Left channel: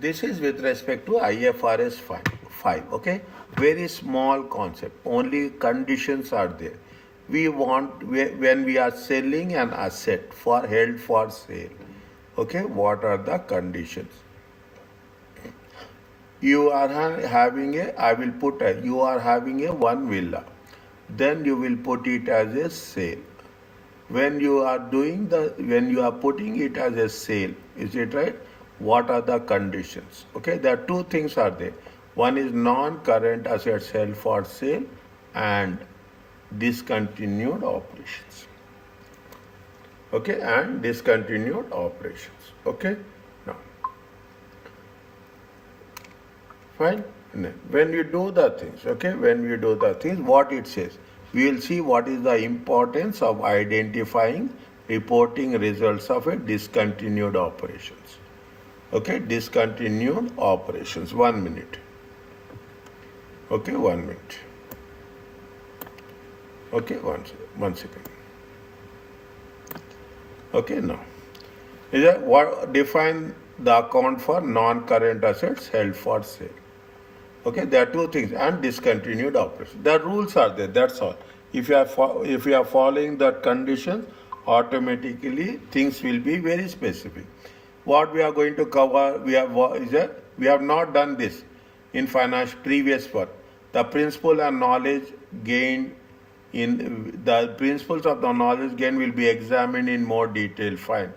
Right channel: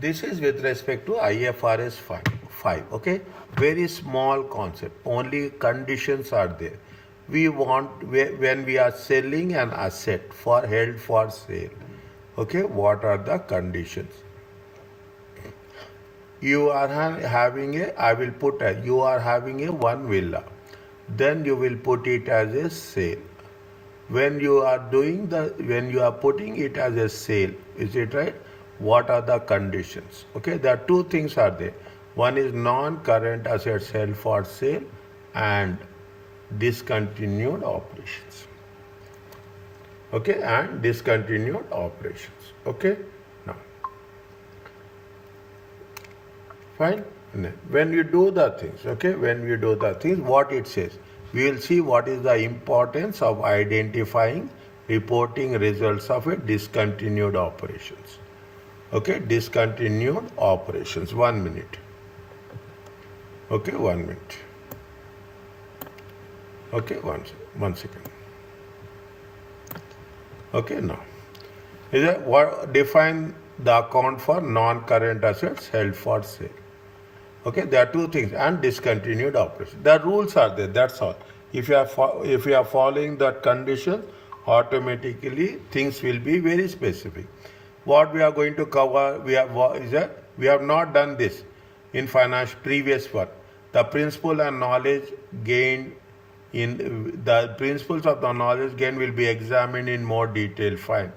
This is with respect to IFRS 5. Okay, very small concept. Only conditions are there. We want when we are selling an asset for held for sale. Okay, what are the conditions? You are having a. I will put a. You are having a one villa. Then you will put it as a sale. When you are when you are putting it as a sale, is it right? What are the conditions? Okay, there are two things are there. One is non-current assets held for sale and discontinued operations. Okay, and discontinued operations. Okay, now fine. And then when you do the things, okay, when you do the things, what it says, we will see what is the importance of identifying reporting results of a discontinued operations. Okay, discontinued operations. 1 minute. Okay, 1 minute. Okay, one second. Okay, now is that what define the account for non-current assets held for sale. Okay, there are two things and discontinued operations. The rules are there. That's all. If you are following that condition, automatically things will be very specific. What we are going to cover, we have not done this in financial previous work. The principle and knowledge gained in the principles of the knowledge gain will be examined in more detail. Fine.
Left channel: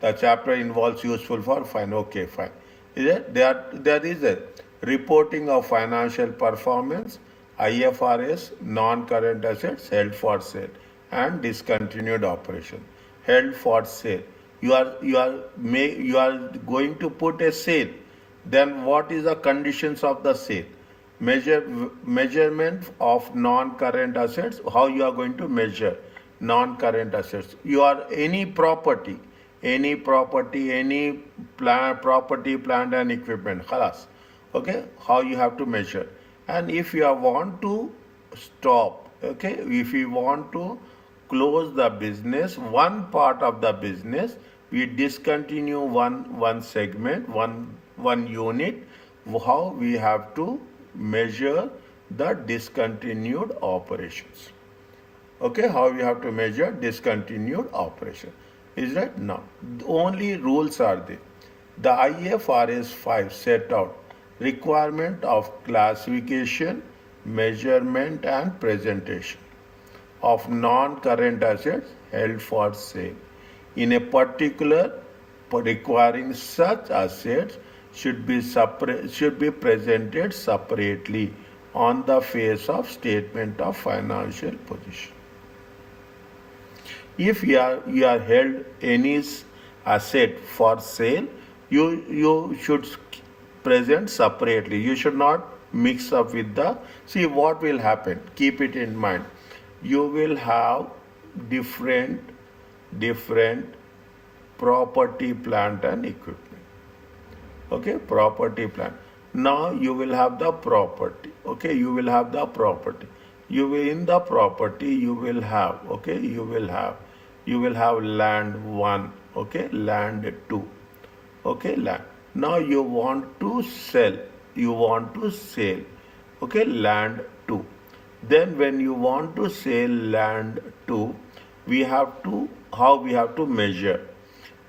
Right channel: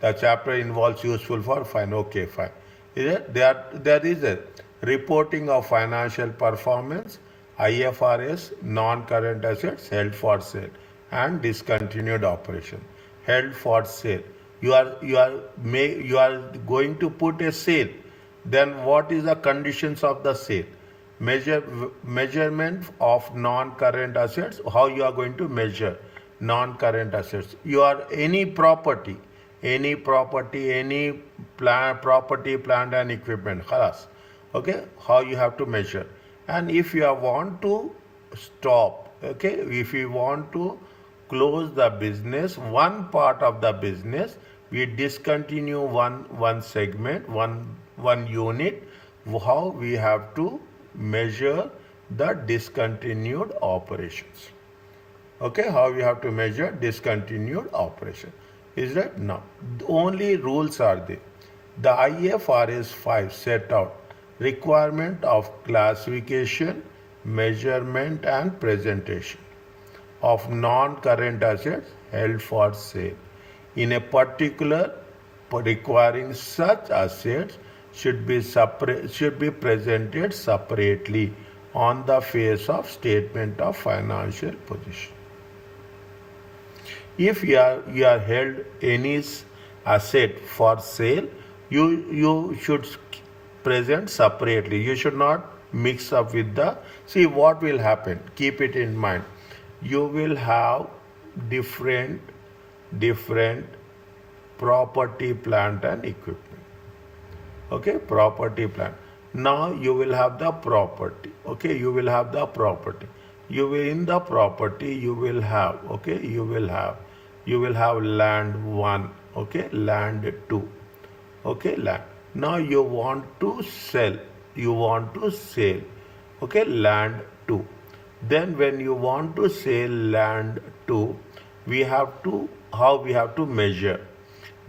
The chapter involves useful for fine. Okay, fine. Is it? There is a reporting of financial performance, IFRS, non-current assets held for sale, and discontinued operation. Held for sale. You are going to put a sale. Then what is the conditions of the sale? Measurement of non-current assets. How you are going to measure non-current assets? You are any property, any property, plant and equipment. Khalas. Okay, how you have to measure. And if you want to stop, okay, if you want to close the business, one part of the business, we discontinue one segment, one unit. How we have to measure the discontinued operations. Okay, how we have to measure discontinued operation. Is that now? Only rules are there. The IFRS 5 set out requirement of classification, measurement and presentation of non-current assets held for sale. In a particular, requiring such assets should be presented separately on the face of statement of financial position. If you are held any asset for sale, you should present separately. You should not mix up with the. See what will happen. Keep it in mind. You will have different property, plant and equipment. Okay, property, plant. Now you will have the property. Okay, you will have the property. In the property you will have. Okay, you will have land 1. Okay, land 2. Okay, land. Now you want to sell. Okay, land 2. Then when you want to sell land 2, how we have to measure.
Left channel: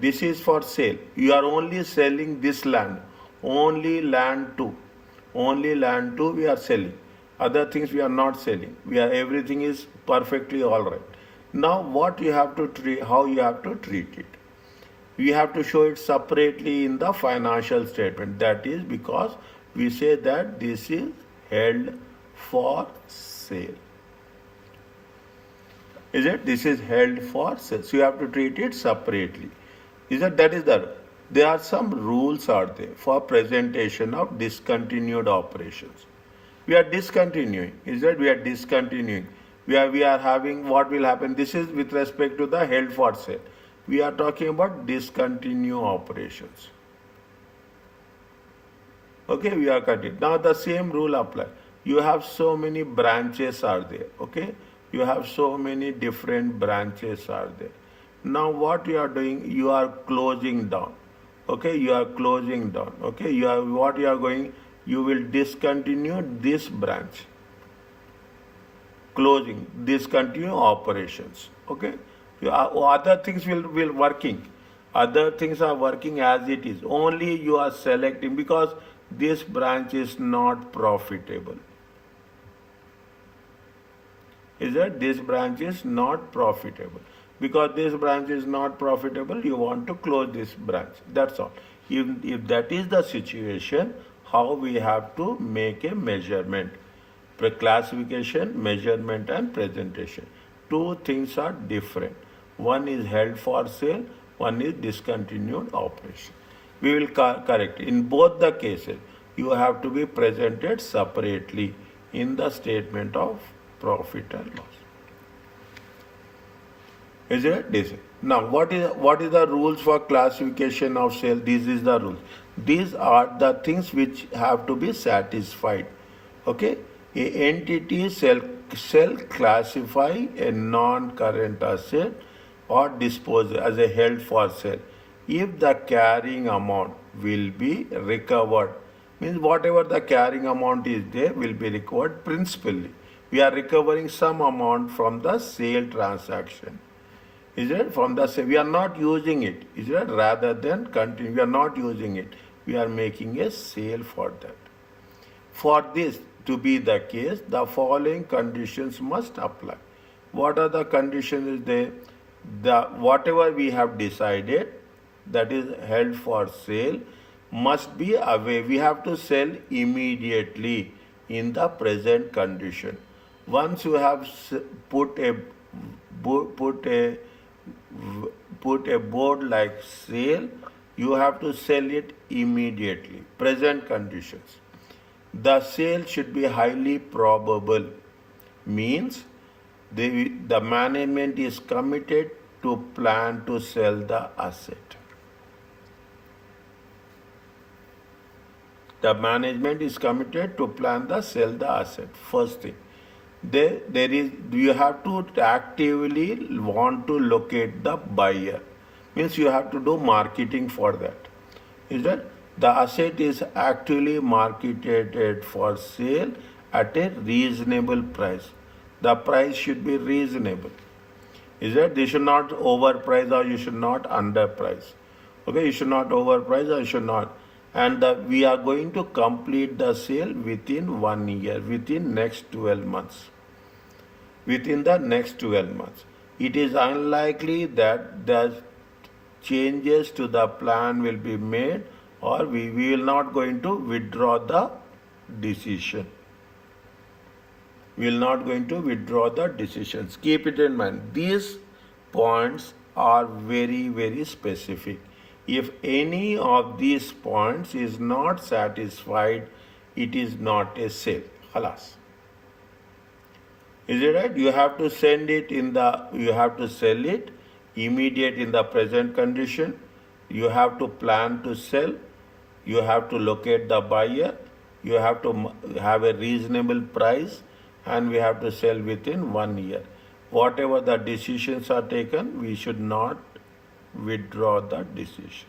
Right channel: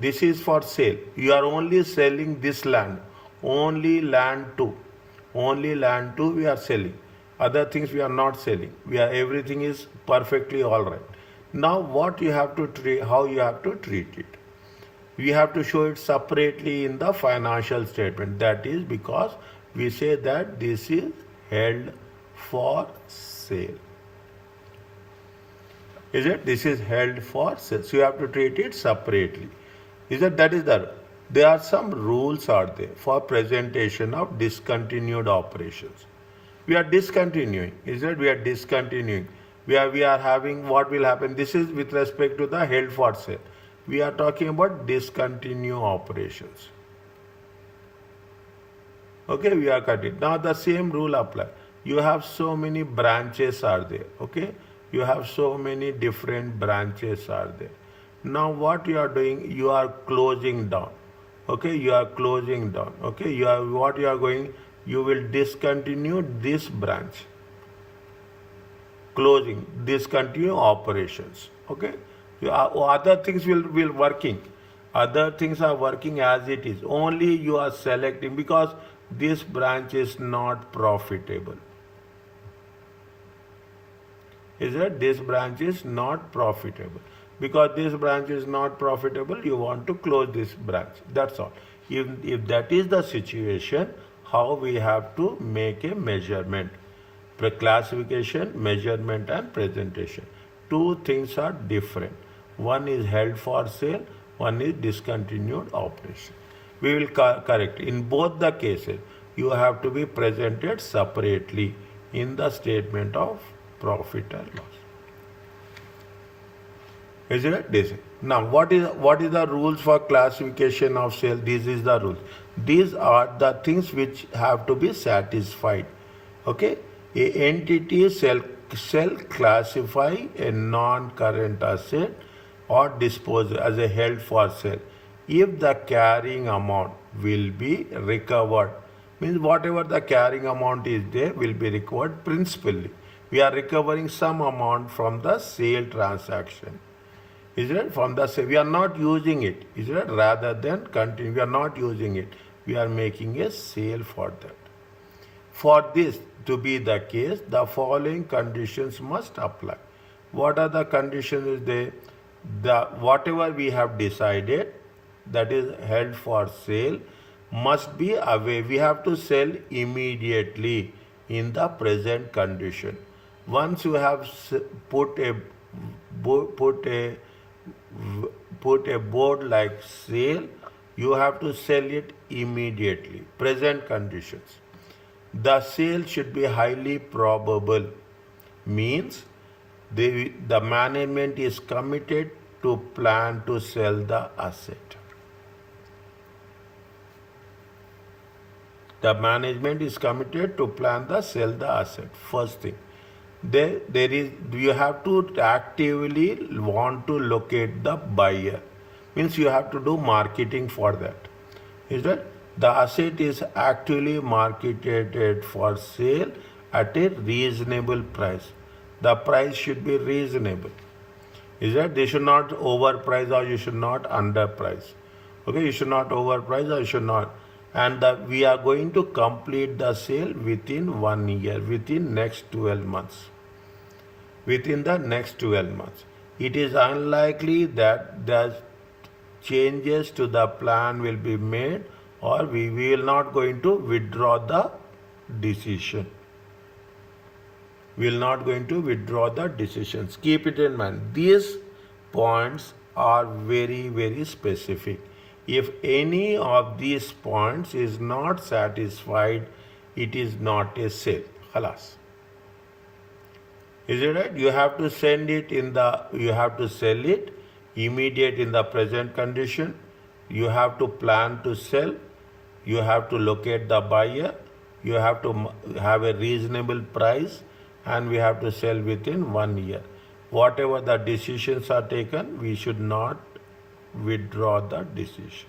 This is for sale. You are only selling this land. Only land 2. Only land 2 we are selling. Other things we are not selling. Everything is perfectly all right. Now what you have to treat, how you have to treat it. We have to show it separately in the financial statement. That is because we say that this is held for sale. Is it? This is held for sale. So you have to treat it separately. There are some rules out there for presentation of discontinued operations. We are discontinuing. We are discontinuing. We are having what will happen. This is with respect to the held for sale. We are talking about discontinue operations. Okay, we are cutting. Now the same rule apply. You have so many branches are there. Okay, you have so many different branches are there. Now what you are doing, you are closing down. Okay, you are closing down. Okay, you will discontinue this branch, closing, discontinue operations. Okay, other things will working, other things are working as it is, only you are selecting because this branch is not profitable. Is that this branch is not profitable? Because this branch is not profitable, you want to close this branch. That's all. If that is the situation, how we have to make a measurement? Classification, measurement, and presentation. Two things are different. One is held for sale, one is discontinued operation. We will correct. In both the cases, you have to be presented separately in the statement of profit and loss. Is it this? Now, what is the rules for classification of sale? This is the rules. These are the things which have to be satisfied. Okay, a entity shall classify a non-current asset or dispose as a held for sale if the carrying amount will be recovered. Means whatever the carrying amount is there will be recovered principally. We are recovering some amount from the sale transaction. Is it? From the sale. We are not using it. Is it? Rather than continue. We are not using it. We are making a sale for that. For this to be the case, the following conditions must apply. What are the conditions is there? Whatever we have decided, that is held for sale, must be away. We have to sell immediately in the present condition. Once you have put a board like sale, you have to sell it immediately. Present conditions. The sale should be highly probable. Means the management is committed to plan to sell the asset. The management is committed to plan to sell the asset. First thing. You have to actively want to locate the buyer. Means you have to do marketing for that. Is that? The asset is actually marketed for sale at a reasonable price. The price should be reasonable. Is that? They should not overprice or you should not underprice. Okay, you should not overprice or you should not. And we are going to complete the sale within 1 year, within next 12 months. Within the next 12 months. It is unlikely that the changes to the plan will be made or we will not going to withdraw the decision. We will not going to withdraw the decisions. Keep it in mind. These points are very, very specific. If any of these points is not satisfied, it is not a sale. Halas. Is it right? You have to send it you have to sell it immediate in the present condition. You have to plan to sell. You have to locate the buyer. You have to have a reasonable price and we have to sell within 1 year. Whatever the decisions are taken, we should not withdraw the decisions.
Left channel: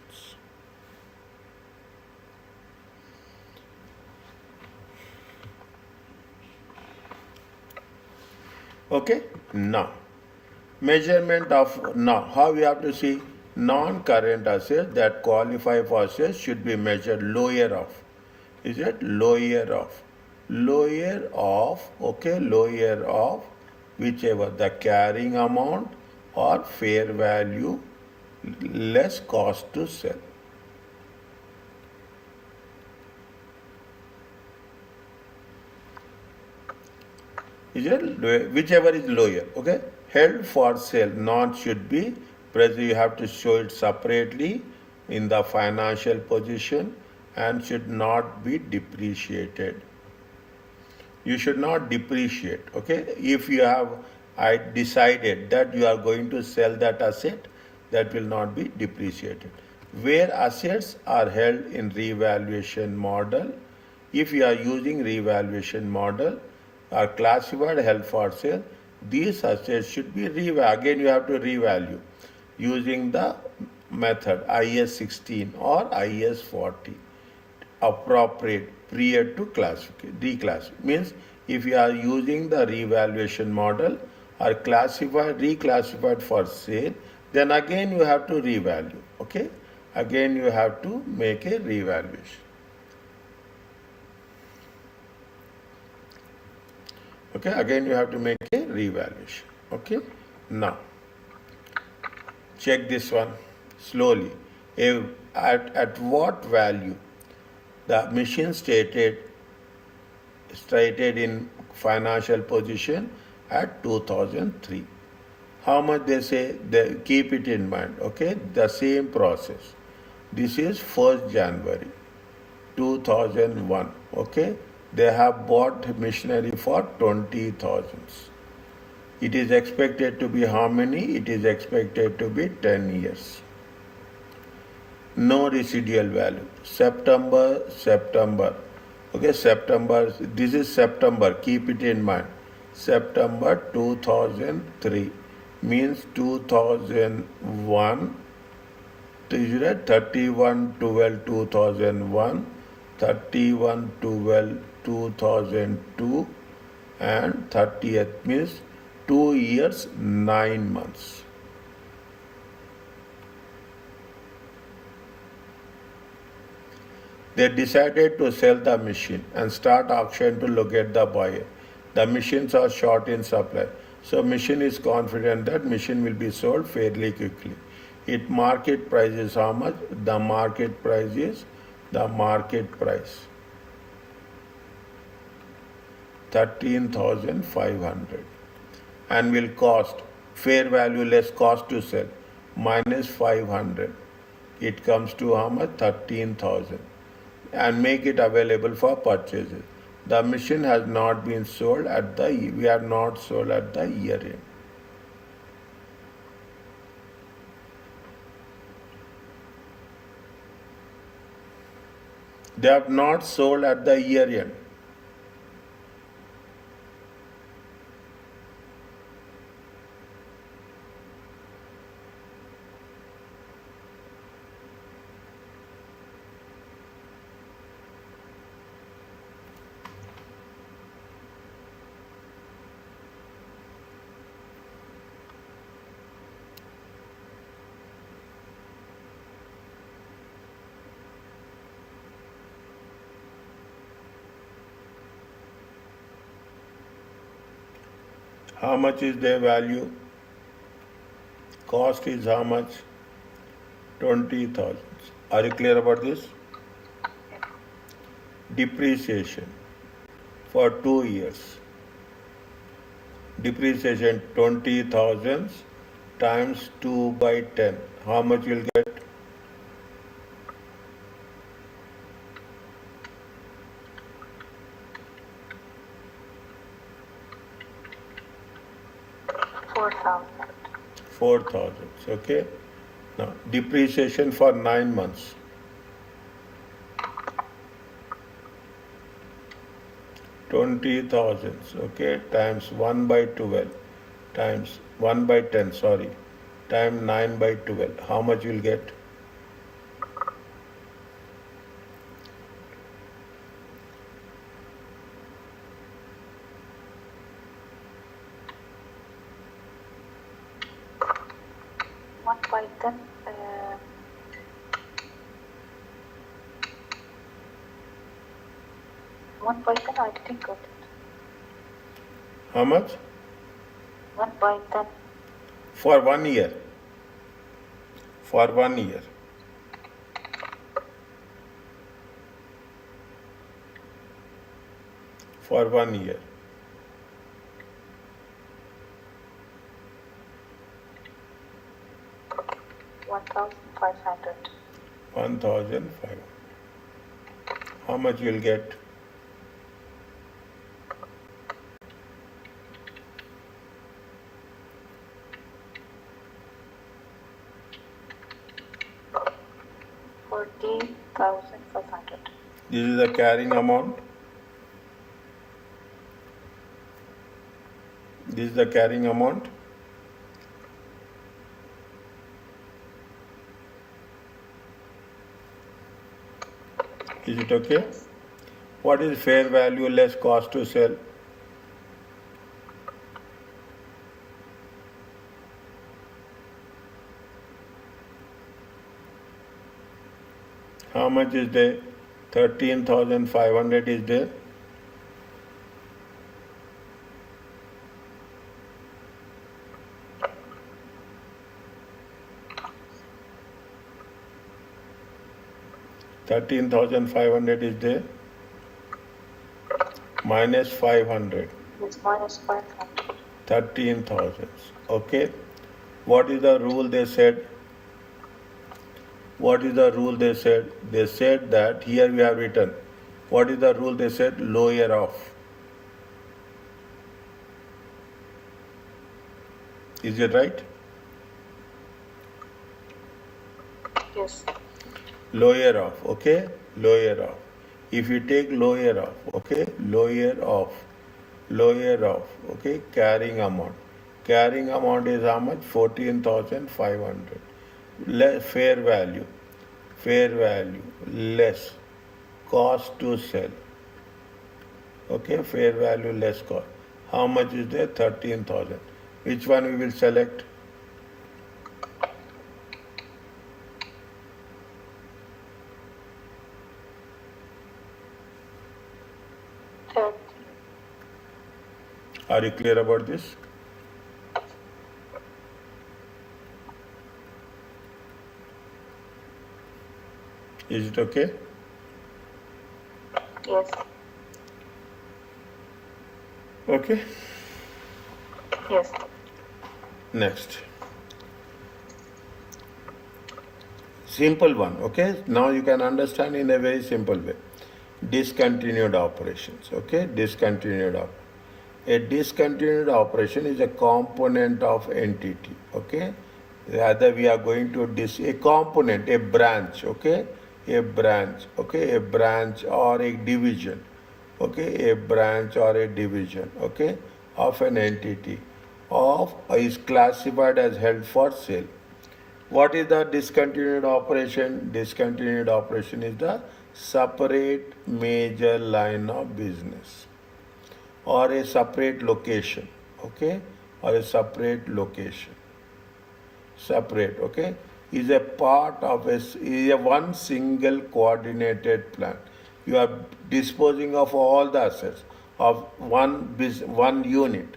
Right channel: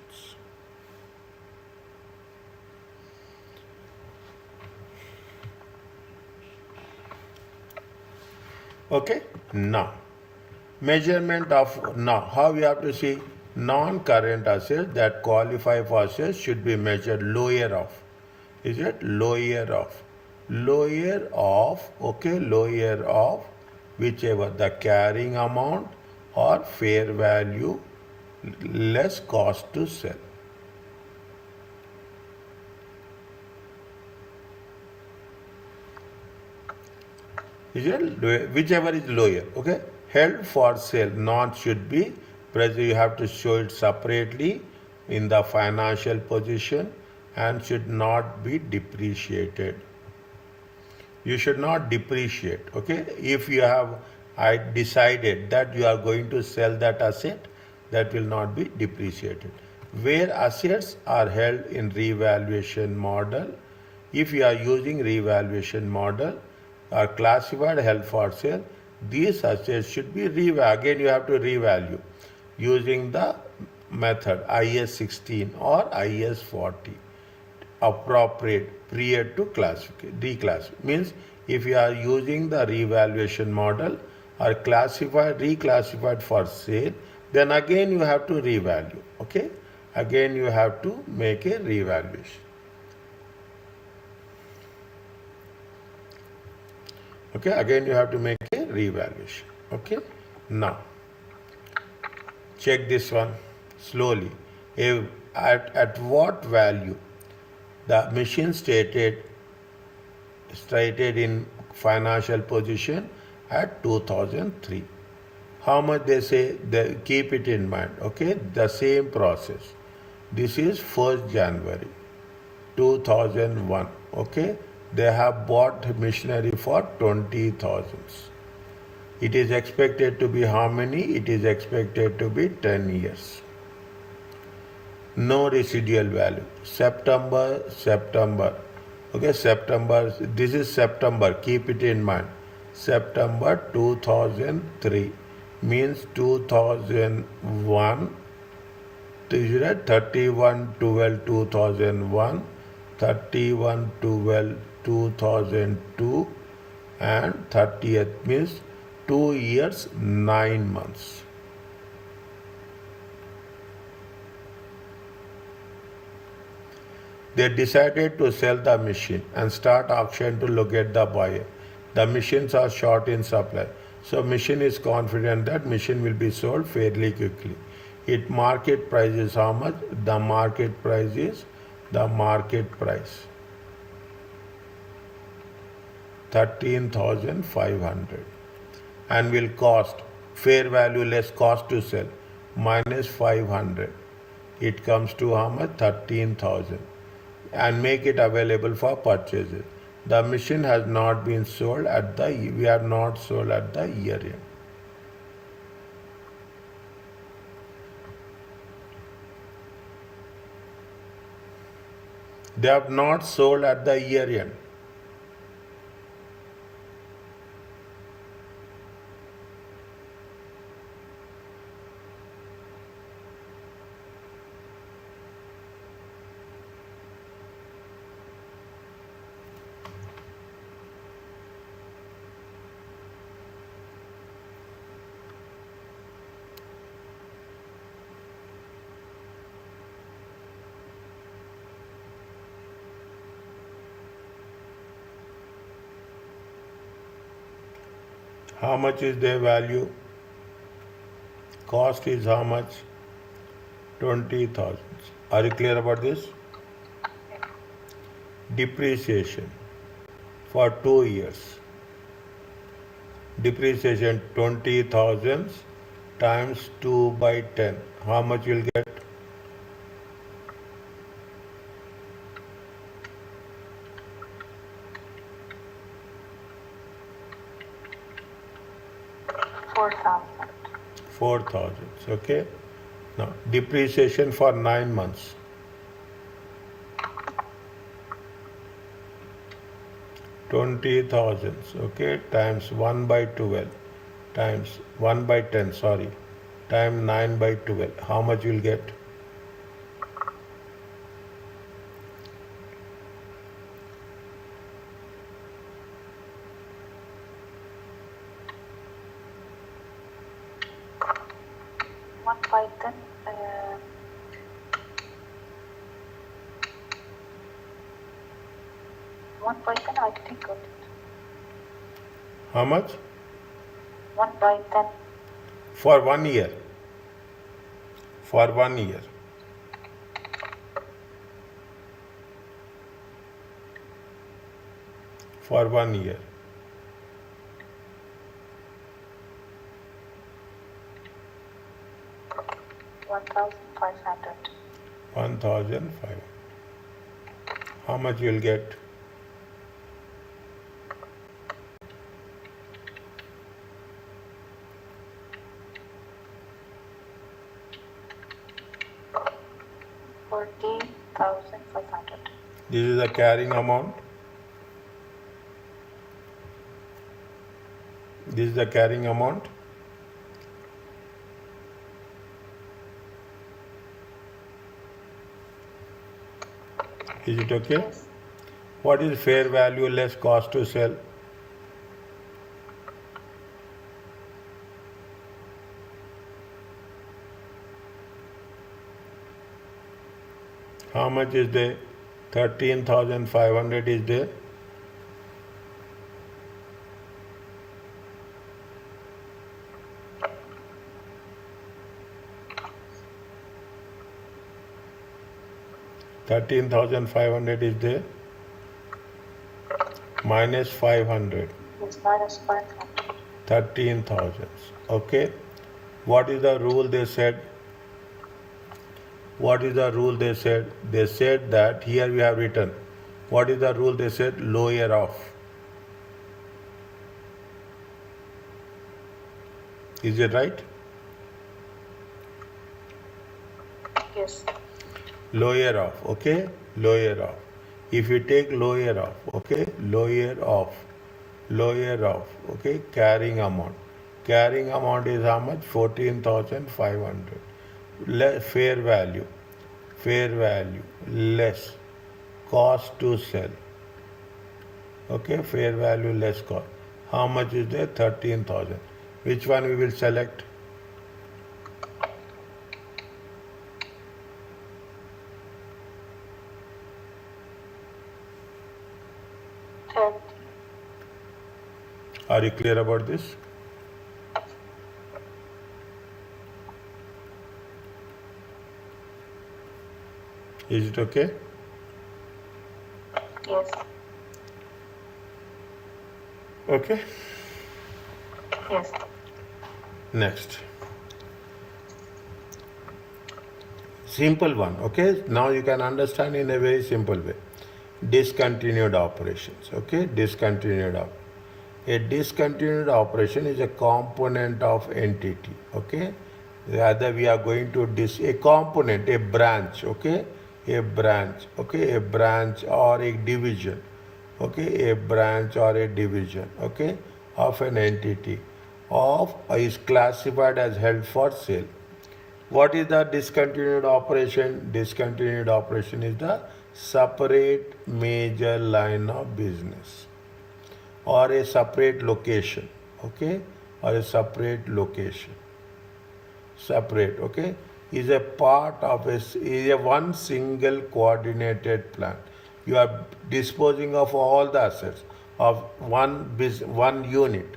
Okay, now measurement of how we have to see non-current assets that qualify for sales should be measured lower of. Is it lower of? Lower of whichever the carrying amount or fair value less cost to sell. Is it? Whichever is lower. Okay. Held for sale not should be present. You have to show it separately in the financial position and should not be depreciated. You should not depreciate. Okay. If you have decided that you are going to sell that asset, that will not be depreciated. Where assets are held in revaluation model, if you are using revaluation model, are classified held for sale, these assets should be revalued. Again, you have to revalue using the method IS 16 or IS 40 appropriate prior to declassification. Means if you are using the revaluation model or reclassified for sale, then again you have to revalue. Okay, again you have to make a revaluation. Okay, again you have to make a revaluation. Okay, now check this one slowly. At what value the machine stated in financial position at 2003. How much they say, they keep it in mind. Okay, the same process. This is 1st January 2001. Okay, they have bought machinery for 20,000. It is expected to be how many? It is expected to be 10 years. No residual value. September. Okay, September. This is September. Keep it in mind. September 2003 means 2001. 31/12/2001, 31/12/2002, and 30th means 2 years 9 months. They decided to sell the machine and start auction to locate the buyer. The machines are short in supply, so machine is confident that machine will be sold fairly quickly. Its market price is how much? The market price 13,500 and will cost fair value less cost to sell minus 500. It comes to how much? 13,000 and make it available for purchases. The machine has not been sold at the year end. They have not sold at the year end. How much is their value? Cost is how much? 20,000. Are you clear about this? Depreciation for 2 years. Depreciation 20,000 times 2/10. How much you'll get? $4,000. Okay. Now depreciation for 9 months. 20,000. Okay. Times 1/12. Times 1/10. Sorry. Times 9/12. How much you'll get? I didn't get it. How much? 1/10. For 1 year. For 1 year. For 1 year. $1,500. 1,500. How much you'll get? $40,500. This is the carrying amount. This is the carrying amount. Is it okay? Yes. What is fair value less cost to sell? How much is there? 13,500 is there. $13,500 is there. Minus 500. It's minus 500. 13,000. Okay. What is the rule they said? What is the rule they said? They said that here we have written. What is the rule they said? Lower off. Is it right? Yes. Lower off. Okay. Lower off. If you take lower off, okay, lower off, okay, carrying amount. Carrying amount is how much? 14,500. Fair value less cost to sell. Okay, fair value less cost. How much is there? 13,000. Which one we will select? Are you clear about this? Is it okay? Yes. Okay. Yes. Next. Simple one. Okay. Now you can understand in a very simple way. Discontinued operations. Okay. Discontinued operations. A discontinued operation is a component of entity. Okay. Either we are going to a component, a branch. Okay. A branch. Okay. A branch or a division. Okay. A branch or a division. Okay. Of an entity of is classified as held for sale. What is the discontinued operation? Discontinued operation is the separate major line of business or a separate location, okay, or a separate location. Separate, okay, is a part of is a one single coordinated plan. You are disposing of all the assets of one unit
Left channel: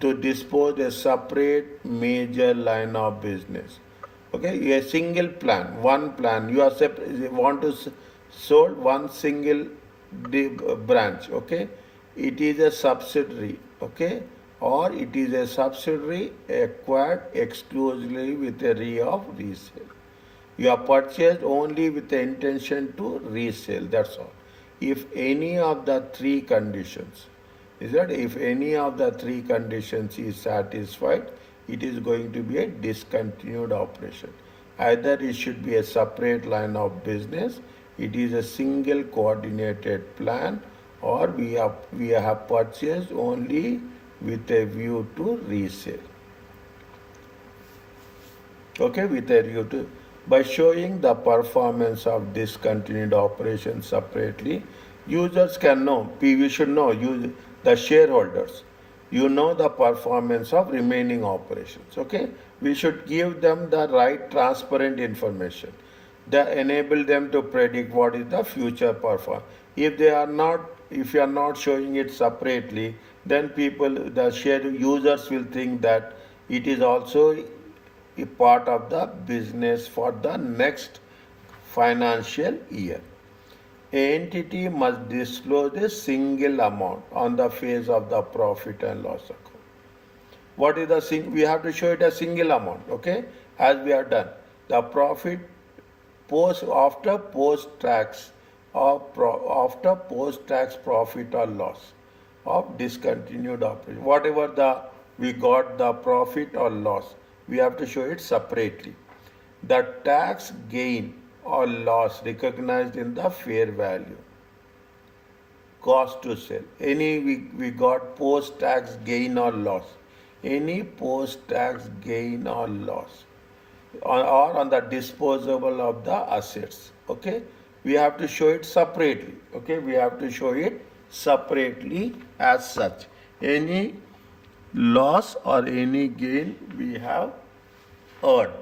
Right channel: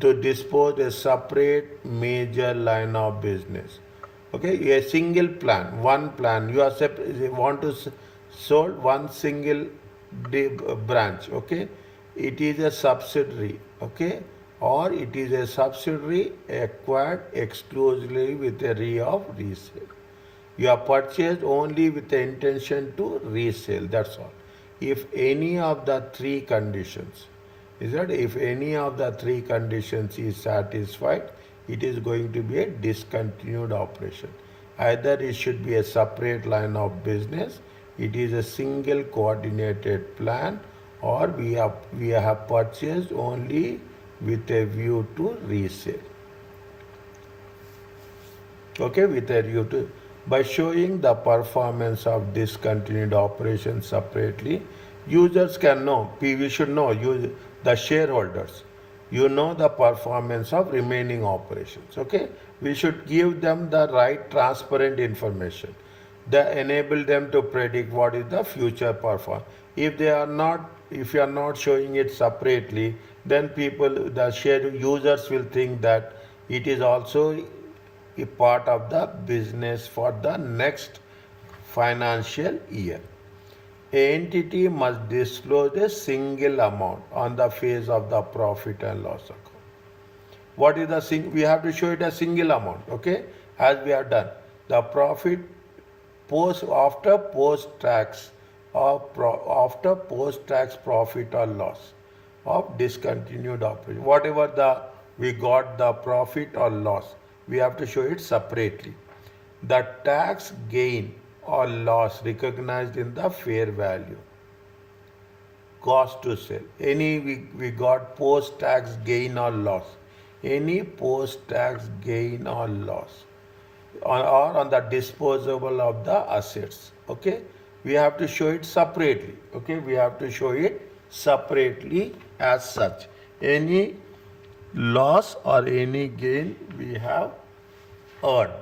to dispose a separate major line of business. Okay, a single plan, one plan. You are want to sold one single branch. Okay, it is a subsidiary. Okay, or it is a subsidiary acquired exclusively with a of resale. You are purchased only with the intention to resell. That's all. If any of the three conditions, is that if any of the three conditions is satisfied, it is going to be a discontinued operation. Either it should be a separate line of business, it is a single coordinated plan, or we have purchased only with a view to resale. Okay, with a view to by showing the performance of discontinued operations separately, users can know. We should know the shareholders. You know the performance of remaining operations. Okay, we should give them the right transparent information that enable them to predict what is the future performance. If they are not, if you are not showing it separately, then the share users will think that it is also a part of the business for the next financial year. A entity must disclose a single amount on the face of the profit and loss account. What is the we have to show it a single amount, okay? As we have done. The profit after post tax after post tax profit or loss of discontinued operation. Whatever we got the profit or loss, we have to show it separately. The tax gain or loss recognized in the fair value. Cost to sell. Any we got post tax gain or loss. Any post tax gain or loss. Or on the disposable of the assets. Okay. we have to show it separately. Okay, we have to show it separately as such. Any loss or any gain we have earned.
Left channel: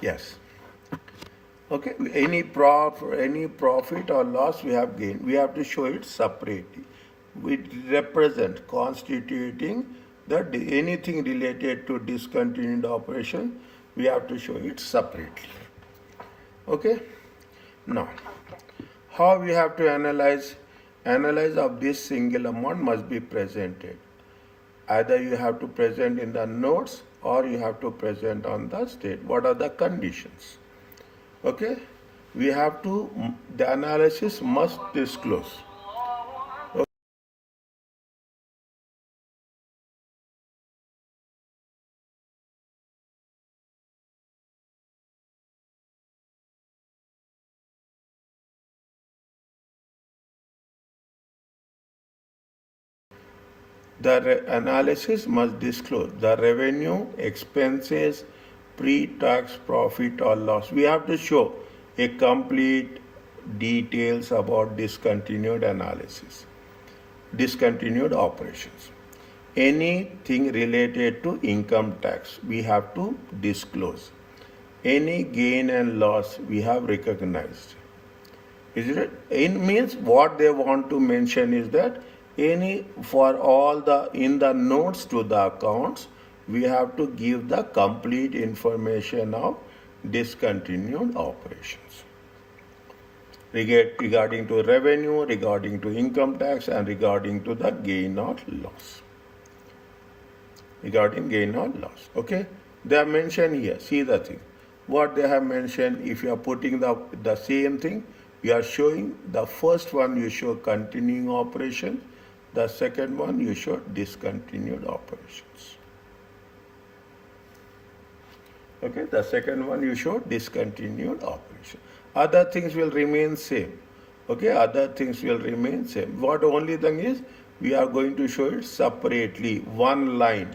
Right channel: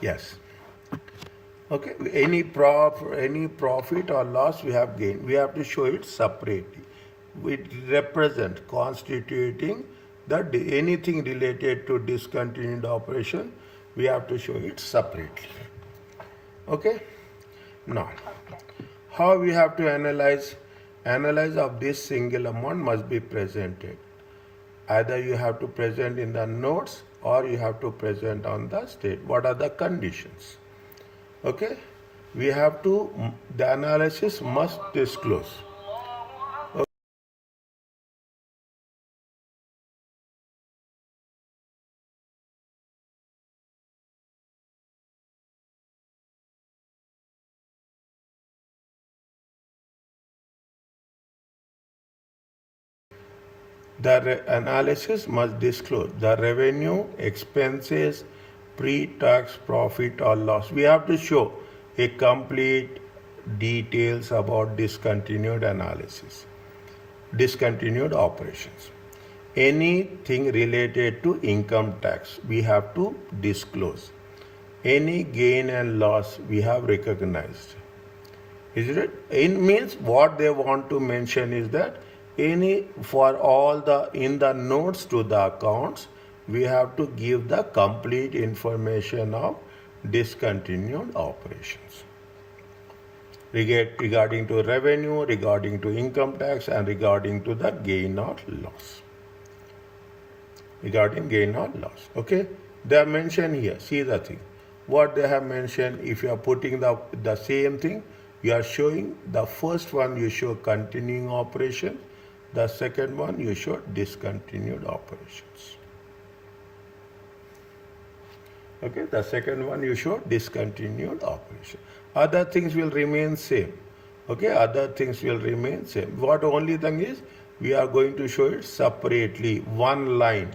Yes. Okay. Any profit or loss we have gained, we have to show it separately. We represent constituting that anything related to discontinued operation, we have to show it separately. Okay. Now, how we have to analyze? Analyze of this single amount must be presented. Either you have to present in the notes or you have to present on the state. What are the conditions? Okay, we have to, the analysis must disclose. Okay. The analysis must disclose the revenue, expenses, pre-tax profit or loss. We have to show a complete details about discontinued analysis, discontinued operations. Anything related to income tax, we have to disclose. Any gain and loss, we have recognized. Is it? It means what they want to mention is that any for all the in the notes to the accounts, we have to give the complete information of discontinued operations regarding to revenue, regarding to income tax, and regarding to the gain or loss. Regarding gain or loss. Okay? They are mentioned here. See the thing. What they have mentioned, if you are putting the same thing, you are showing the first one you show continuing operation, the second one you show discontinued operations. Okay, the second one you show discontinued operation. Other things will remain same. Okay, other things will remain same. What only thing is, we are going to show it separately, one line.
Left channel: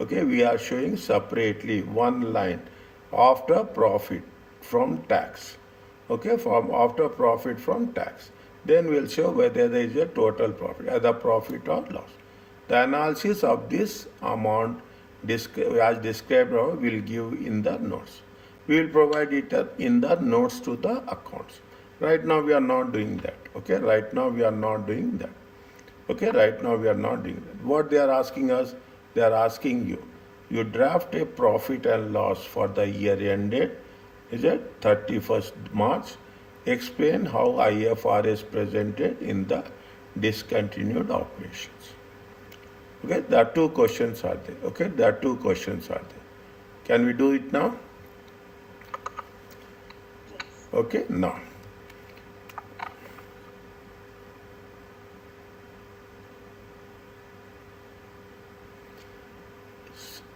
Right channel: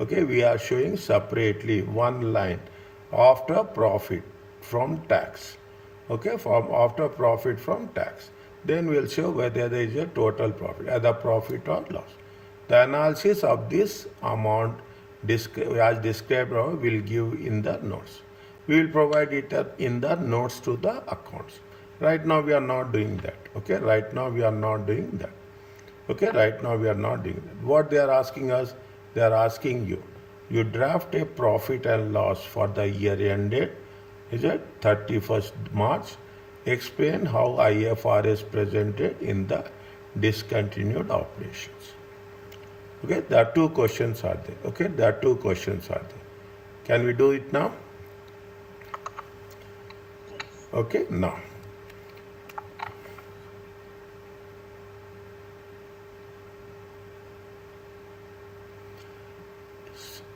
Okay, we are showing separately one line after profit from tax. Okay, from after profit from tax. Then we'll show whether there is a total profit, either profit or loss. The analysis of this amount as described above will give in the notes. We will provide it in the notes to the accounts. Right now we are not doing that. Okay, right now we are not doing that. Okay, right now we are not doing that. What they are asking us, they are asking you draft a profit and loss for the year ended, is it 31st March. Explain how IFRS presented in the discontinued operations. Okay, there are two questions are there. Okay, there are two questions are there. Can we do it now? Okay, now.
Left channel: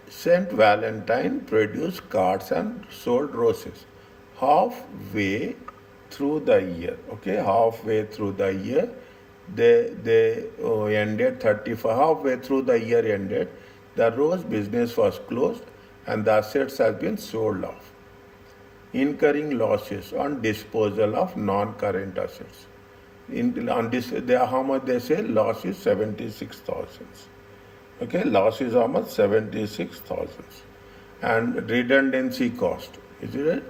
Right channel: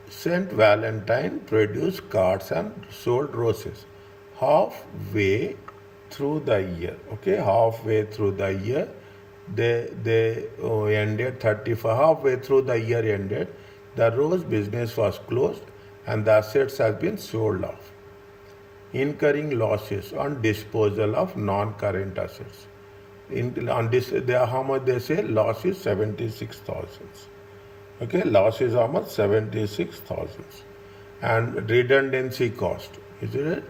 Saint Valentine produced cards and sold roses. Halfway through the year, okay, halfway through the year, they ended 35. Halfway through the year ended, the rose business was closed and the assets has been sold off, incurring losses on disposal of non-current assets. How much they say? Loss is 76,000. Okay, loss is how much? 76,000. And redundancy cost, is it?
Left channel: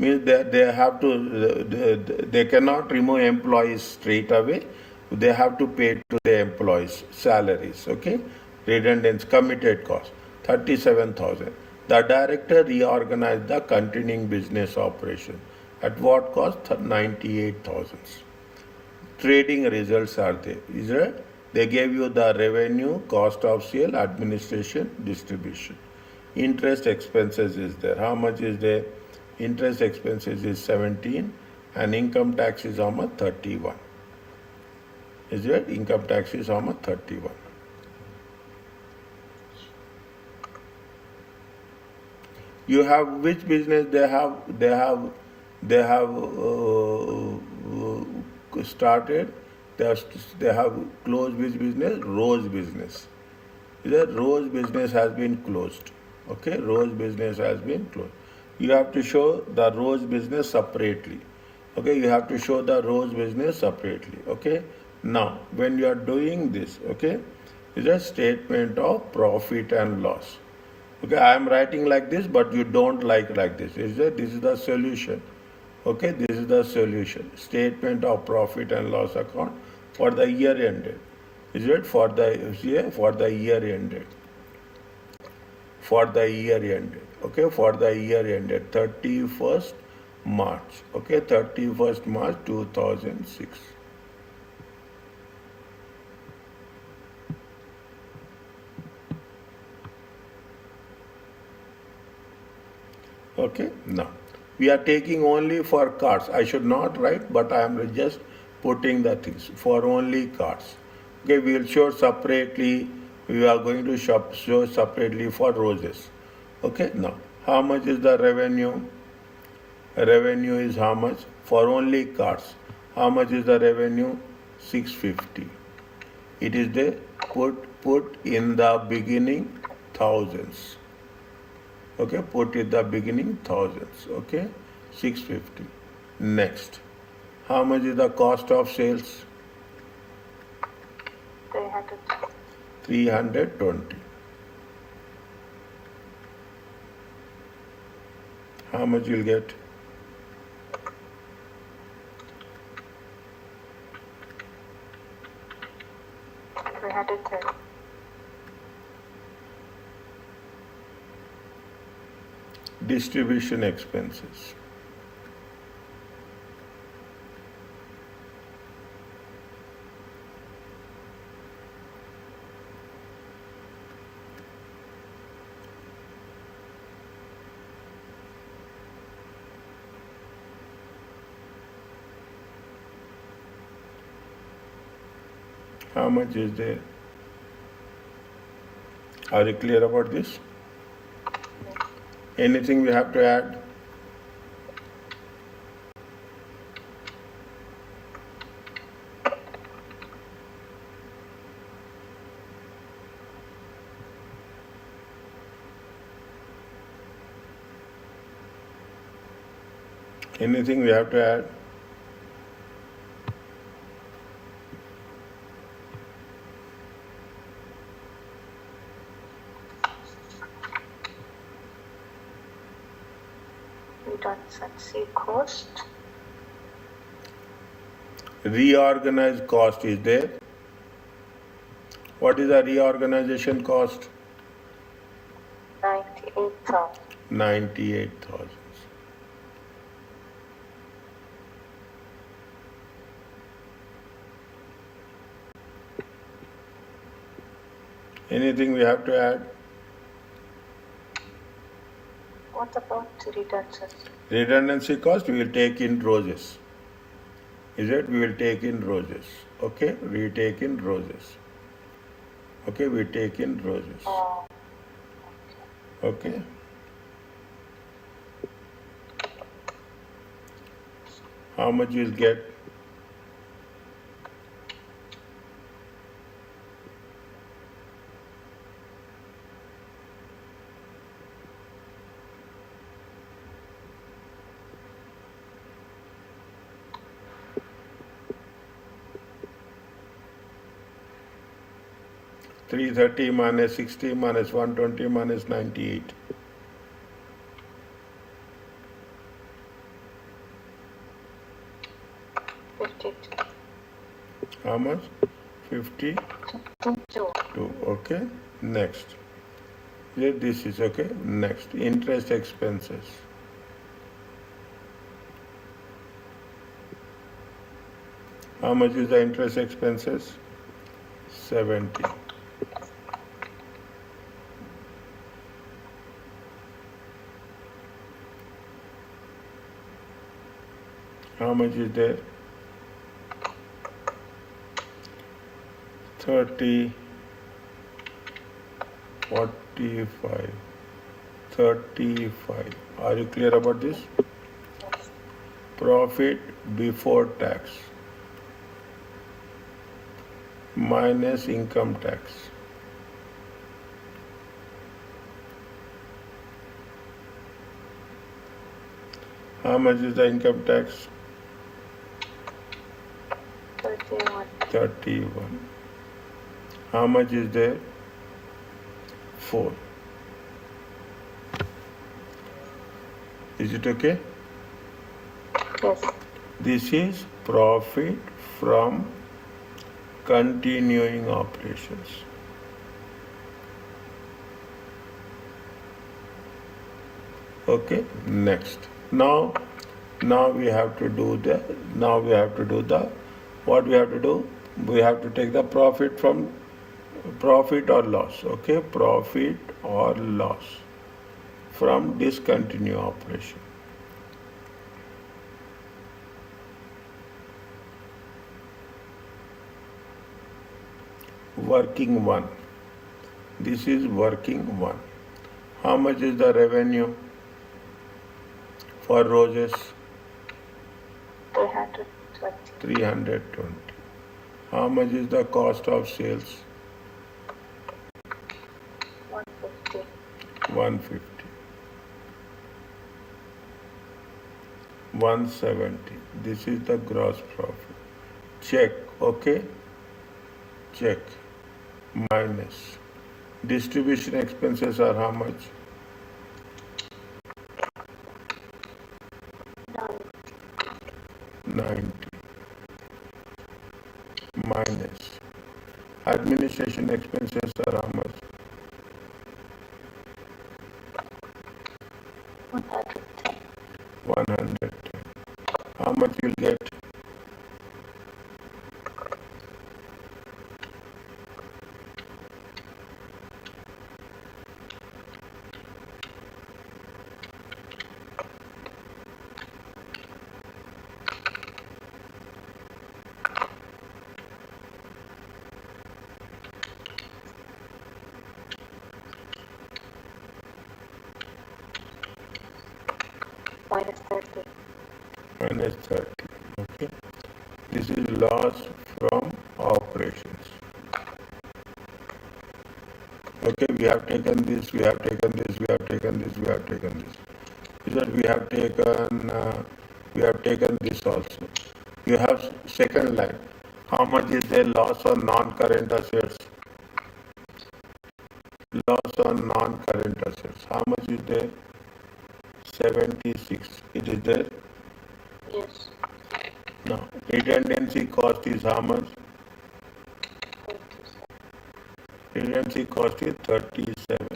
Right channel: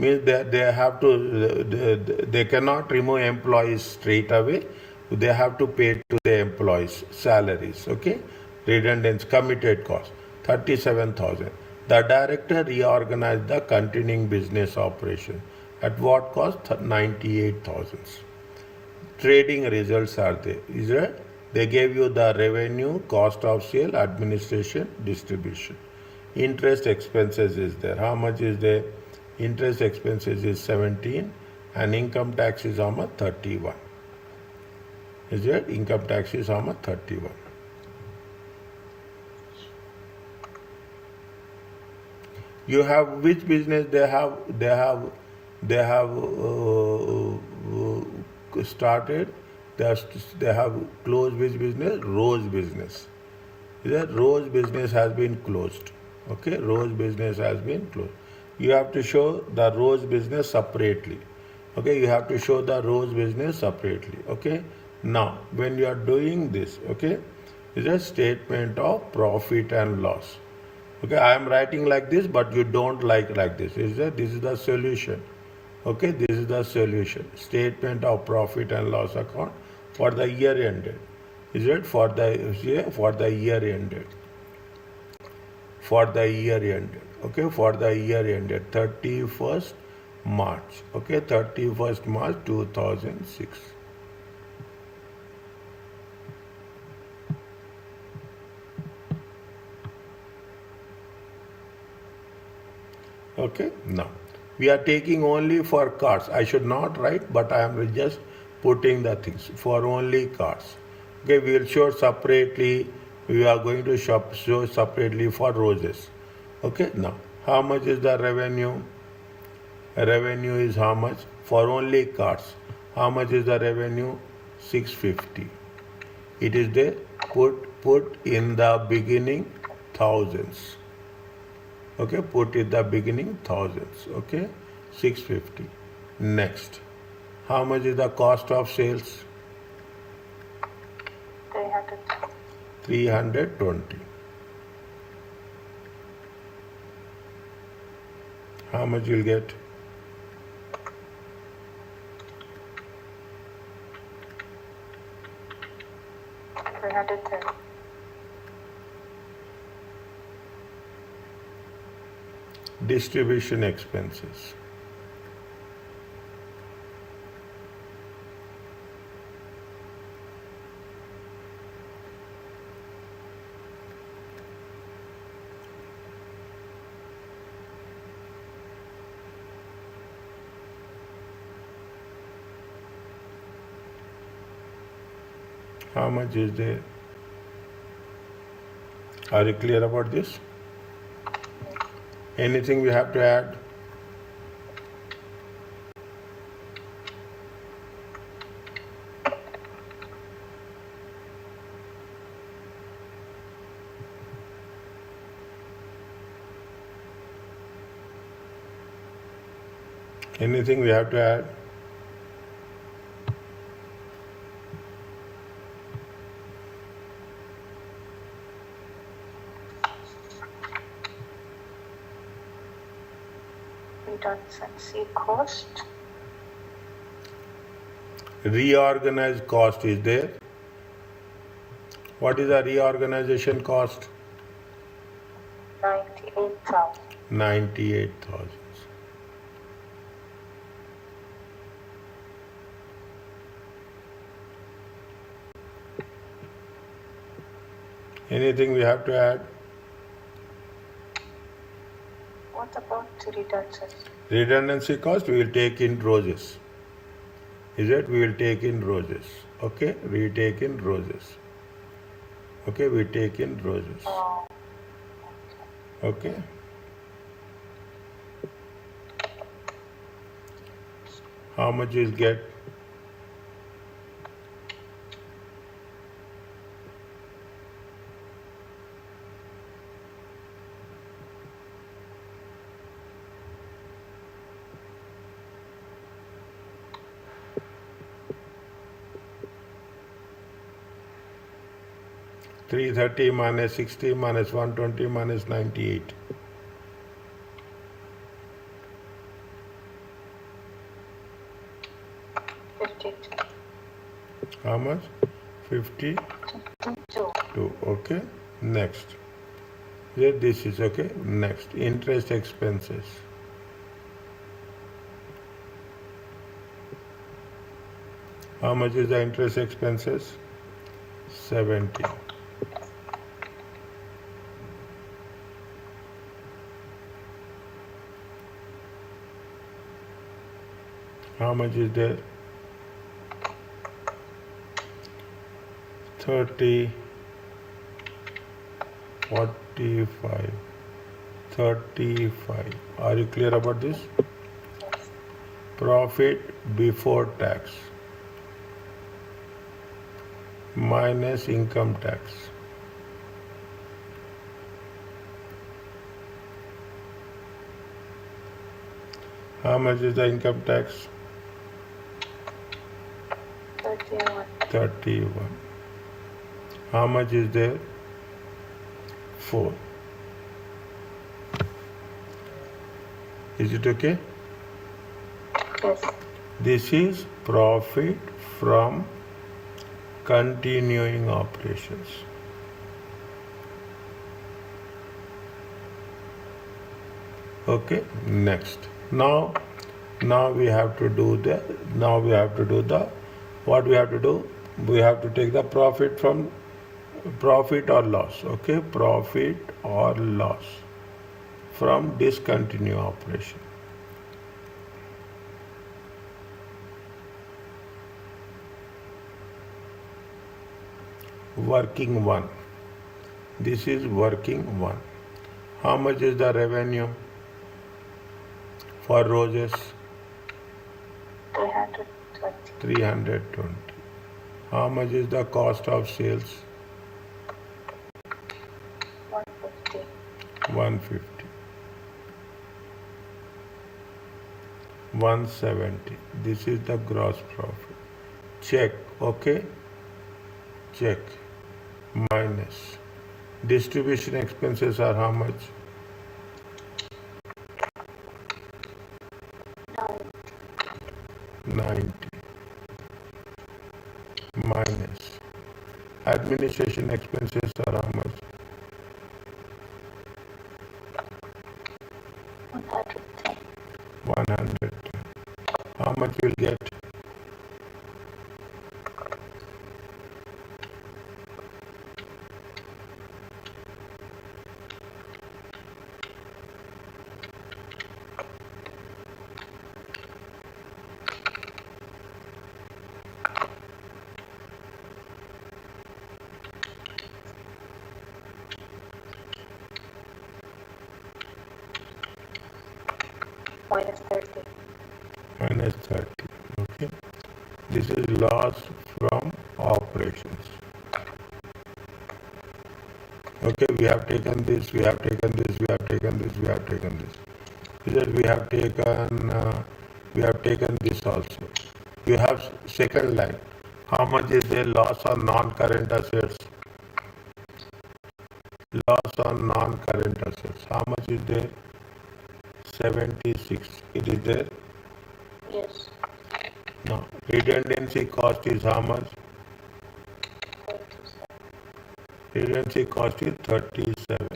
Means they have to, they cannot remove employees straight away. They have to pay to the employees salaries. Okay, redundancy committed cost 37,000. The director reorganized the continuing business operation at what cost? 98,000. Trading results are there. Is it? They gave you the revenue, cost of sale, administration, distribution. Interest expenses is there. How much is there? Interest expenses is 17 and income tax is how much? 31. Is it? Income tax is how much? 31. You have which business they have started. They have closed which business? Rose business. Is that Rose business has been closed? Okay, Rose business has been closed. You have to show the Rose business separately. Okay, you have to show the Rose business separately. Okay, now when you are doing this, okay, is a statement of profit and loss. Okay, I am writing like this, but you don't like this. This is the solution. Okay, this is the solution. Statement of profit and loss account for the year ended. Is it for the year ended? For the year ended. Okay, for the year ended 31st March. Okay, 31st March 2006. Okay, now we are taking only for cards. I should not write, but I am just putting the things for only cards. Okay, we will show separately. We are going to show separately for roses. Okay, now how much is the revenue? Revenue is how much for only cards? How much is the revenue? 650. It is there. Put in the beginning thousands. Okay, put in the beginning thousands. Okay, 650. Next, how much is the cost of sales? 300. 320. How much you'll get? 330. Distribution expenses. How much is there? Are you clear about this? Anything we have to add? Anything we have to add? Redundancy cost. Reorganized cost is there. What is the reorganization cost? 98,000. 98,000. Anything we have to add? What about redundancy? Redundancy cost we will take in roses. Is it? We will take in roses. Okay? We take in roses. Okay? We take in roses. Oh, Okay? How much you'll get? $330 minus 60 minus 120 minus 98. How much? 52. 52. Okay. Next. Here this is okay. Next. Interest expenses. How much is the interest expenses? 70. How much is there? 30, 45, 35. Are you clear about this? Yes. Profit before tax minus income tax. How much is the income tax? 31. 31. How much is there? 4. Is it okay? Yes. This is profit from continuing operations. Okay, next. Now we have to do the what we have to do? We have to take the profit from profit or loss. Okay, profit or loss from discontinued operation. Working one. This is working one. How much is the revenue for roses? 320. 320. How much is the cost of sales? 150. 150. 170. This is the gross profit. Check. Okay. Check. Minus. Distribution expenses are how much? 90. Minus. Administration expenses are how much? 110. 110. How much you'll get? Minus 30. Minus 30. Okay. This is loss from operations. Okay, we have taken this, we have taken this, we have taken this, we have taken this. Because we have taken this also. You have second line. How much is their loss on non-current assets? Loss on non-current assets. How much is there? 76. It is there. Yes. Now, redundancy cost is how much? 37. Redundancy cost is 37.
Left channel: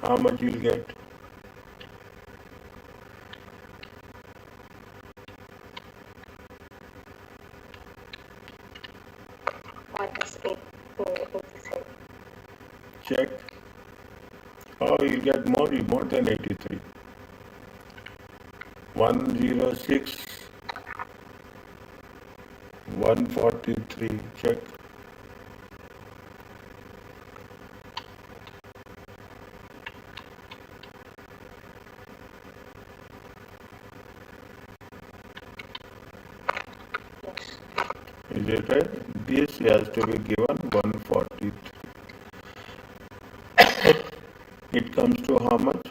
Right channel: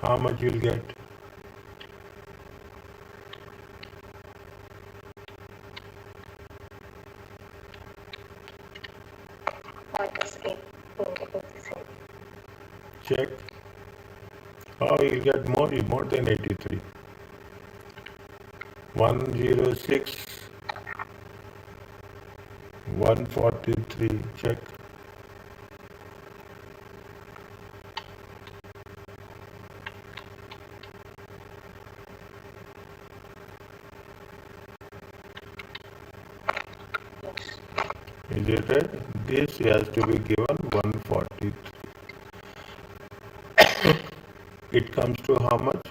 How much you'll get? Minus 86. Check. Oh, you'll get more than 83. 106. 143. Check. Yes. Is it right? This has to be given 143. It comes to how much?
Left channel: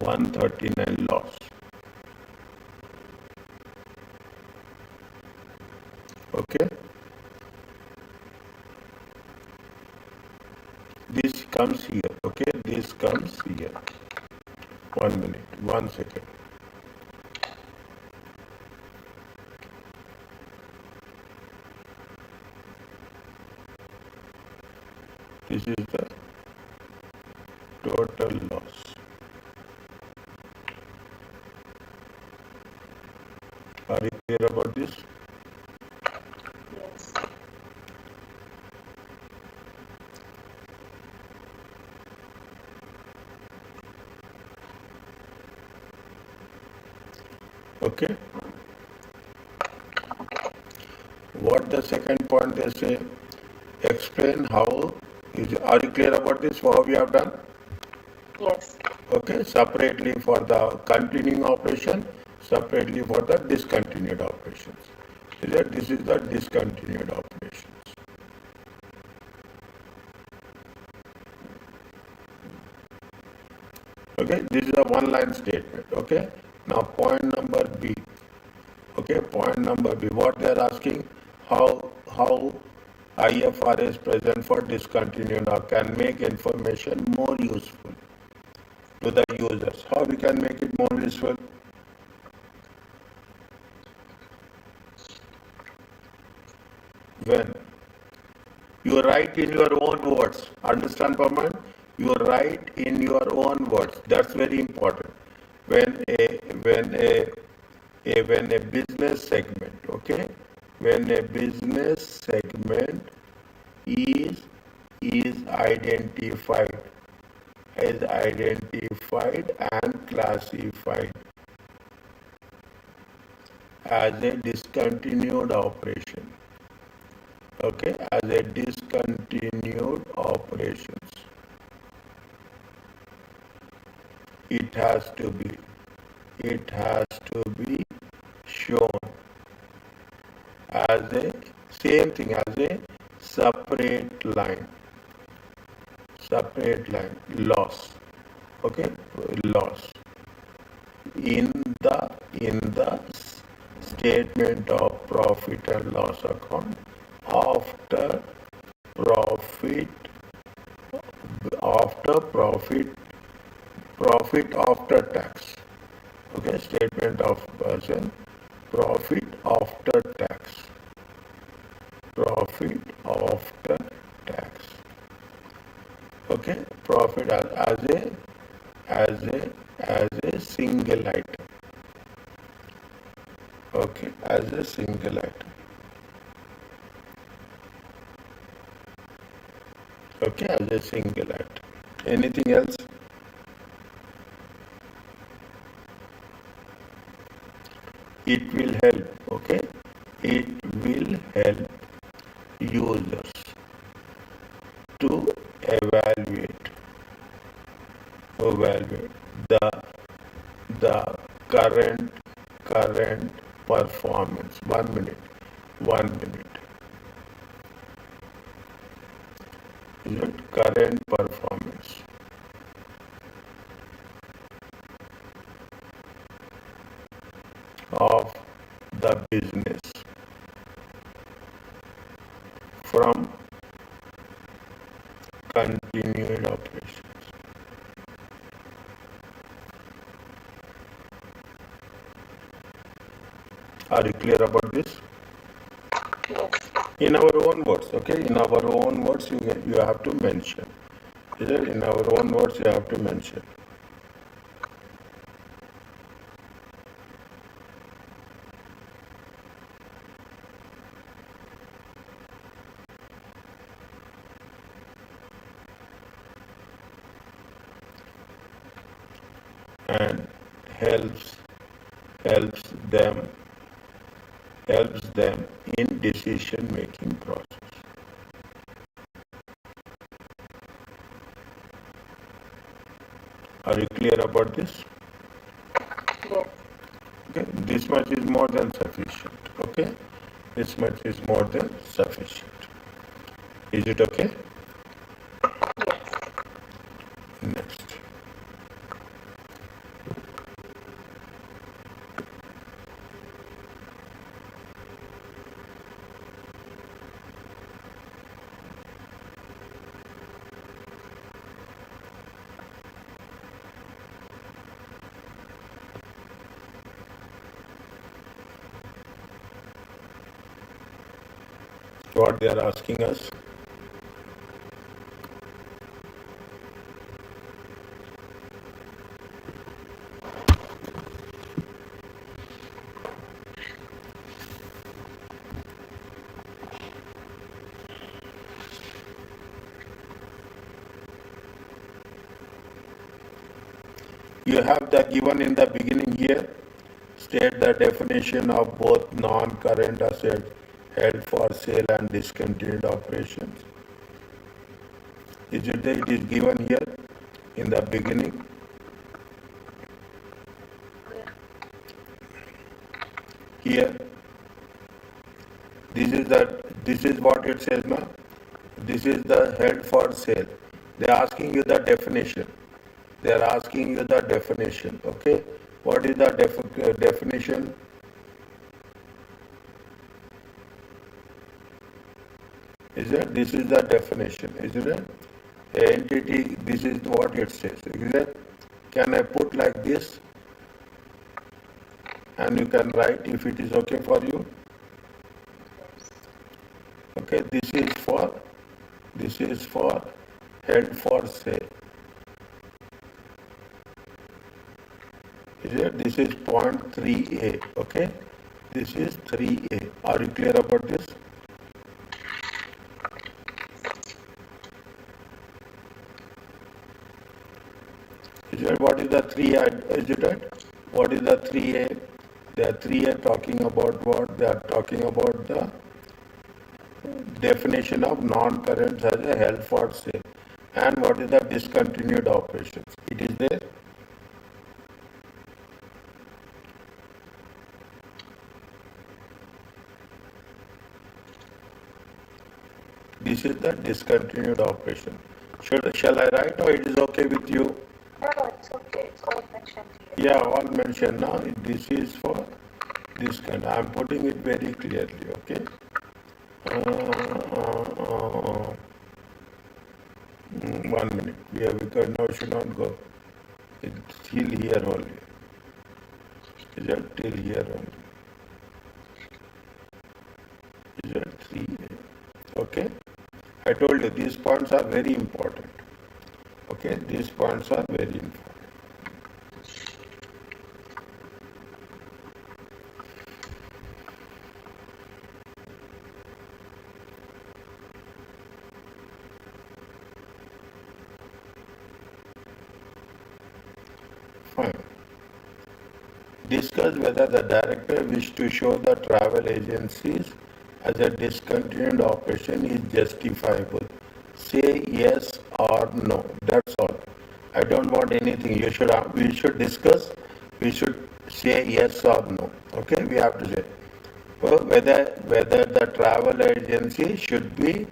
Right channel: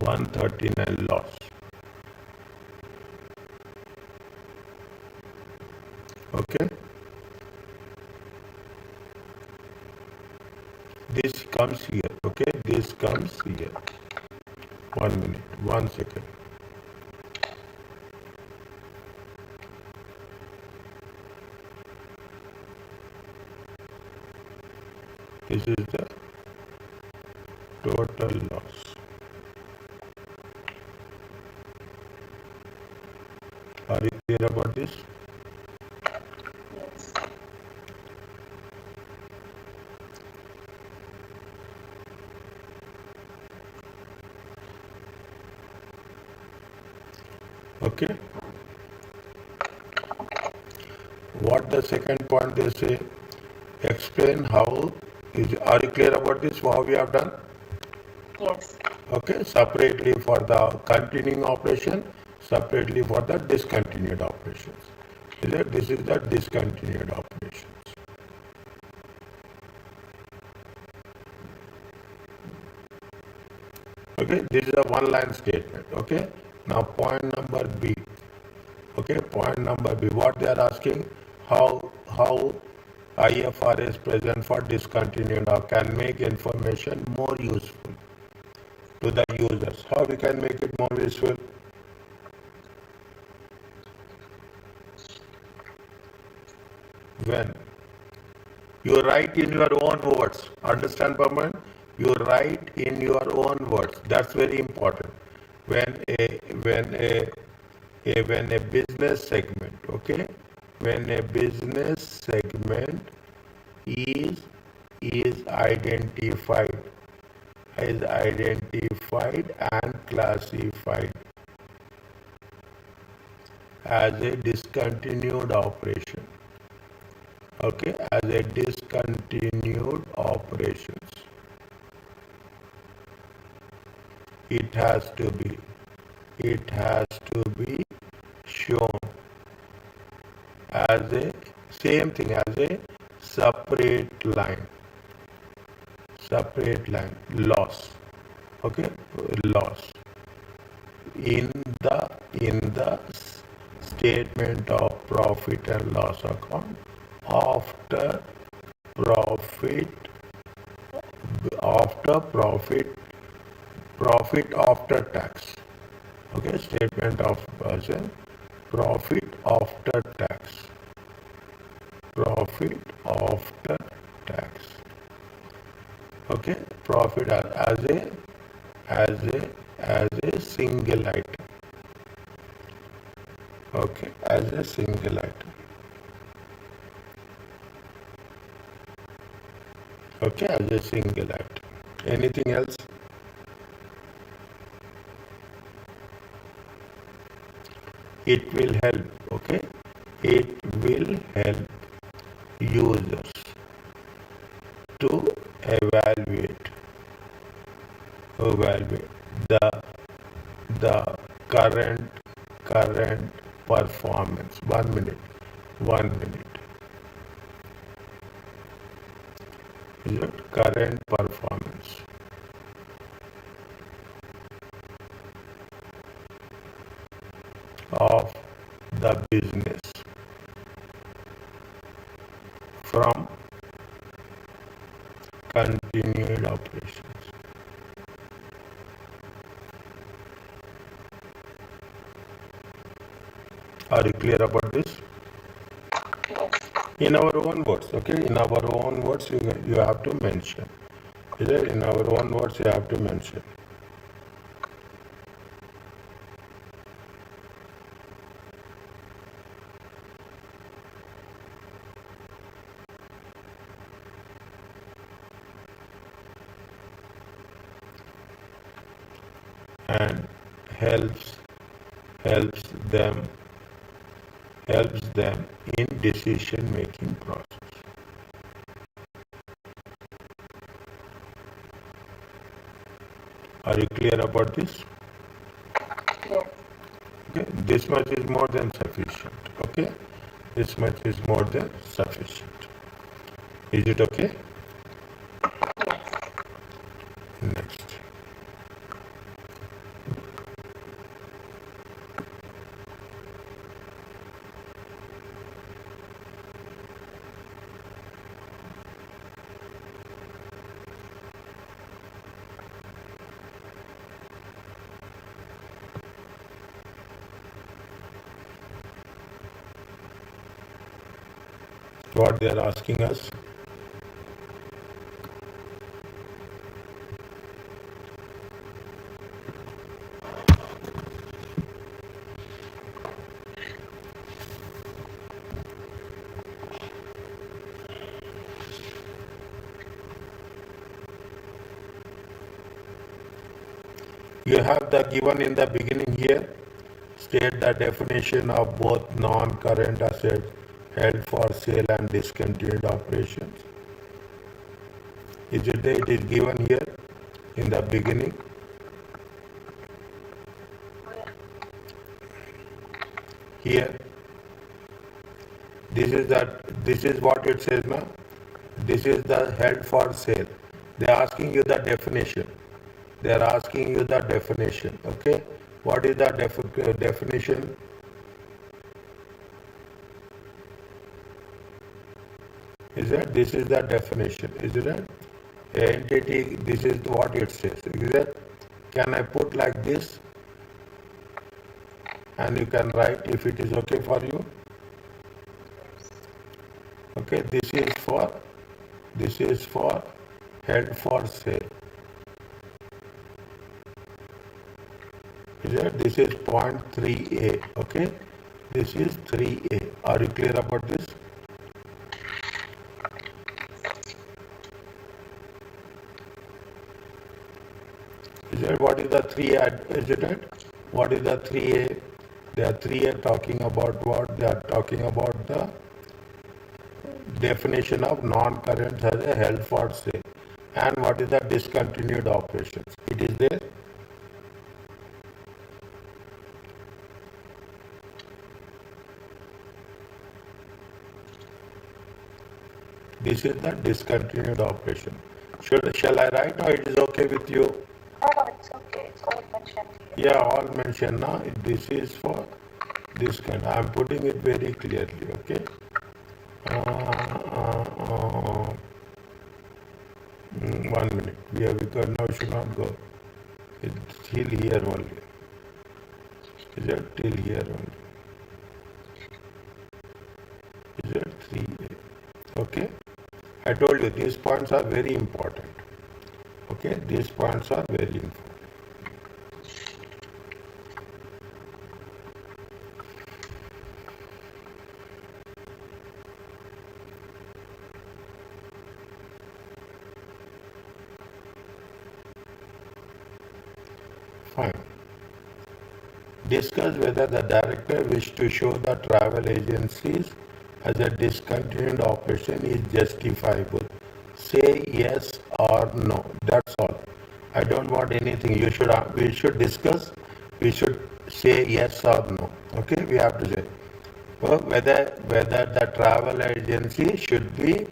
139 loss. Okay. This comes here. Okay. This comes here. 1 minute. 1 second. This is the total loss. Are you clear about this? Yes. Okay. What the second point they say? Explain how is. Are you clear about this? How we have done? Yes. Okay. Separately for the continuing operation, separately for the discontinued operations. Is it? This is the discontinued operations. Okay. This is a one-line statement. Okay. Now point number B. Okay, point number B. What they are asking, how IFRS present for discontinued or can make information more useful to the users. How we can make it more useful? When you write in your own words. Understand, Paman? You write in your own words. That's very important. When when a business segment, okay, when a business segment is identified and classified as a discontinued operation, okay, as a discontinued operations, it has to be shown as a same thing as a separate line loss, okay, loss in the statement of profit and loss account after profit profit after tax, okay, statement of profit after tax, okay, profit as a single item, okay, as a single item, okay, as a single item. Anything else? It will help, okay, it will help users to evaluate the current performance. 1 minute. Is it current performance of the business from continued operations? Are you clear about this? Yes. In our own words, okay? In our own words, you have to mention. Is it? In our own words, you have to mention. And helps helps them in decision making process. Are you clear about this? Yes. Okay, this much is more than sufficient. Okay, this much is more than sufficient. Is it okay? Yes. Next. What they are asking us? You have the given in the beginning here state the definition of both non-current assets held for sale and discontinued operations. Is it there? It is given here in the beginning. Here, this is what it says now. This is the held for sale. They are asking you the definition. They are asking you the definition. Okay, what is the definition? Is it? This is the definition. Isn't it? Entity. This is what it says. Is it? Can I put like this? And you can write if it is okay for you. Okay, this is for held for sale. Is it? This is point 3A. Okay, this is 3A. Are you clear about this? Is it? What is the 3A? Is it? What is the 3A? They are 3A talking about what? They are talking about the definition of non-current as a held for sale. And what is the discontinued operations? It is there. This is the discontinued operation. Shall I write or it is okay with you? No, it's okay. It's all mentioned here. Yeah, all mentioned now. This is for this kind. I am putting it very clearly. Okay. One minute. Yeah, because now it should not go. It's still here only. Is that till here only? Is that 3A? Okay. I told you these points are very important. Okay, these points are very important. Fine. Discuss whether the director wishes to show the travel agencies as a discontinued operation is justifiable. Say yes or no. That's all. I don't want anything. We should discuss. We should say yes or no. Okay, we have to say whether the travel agency should be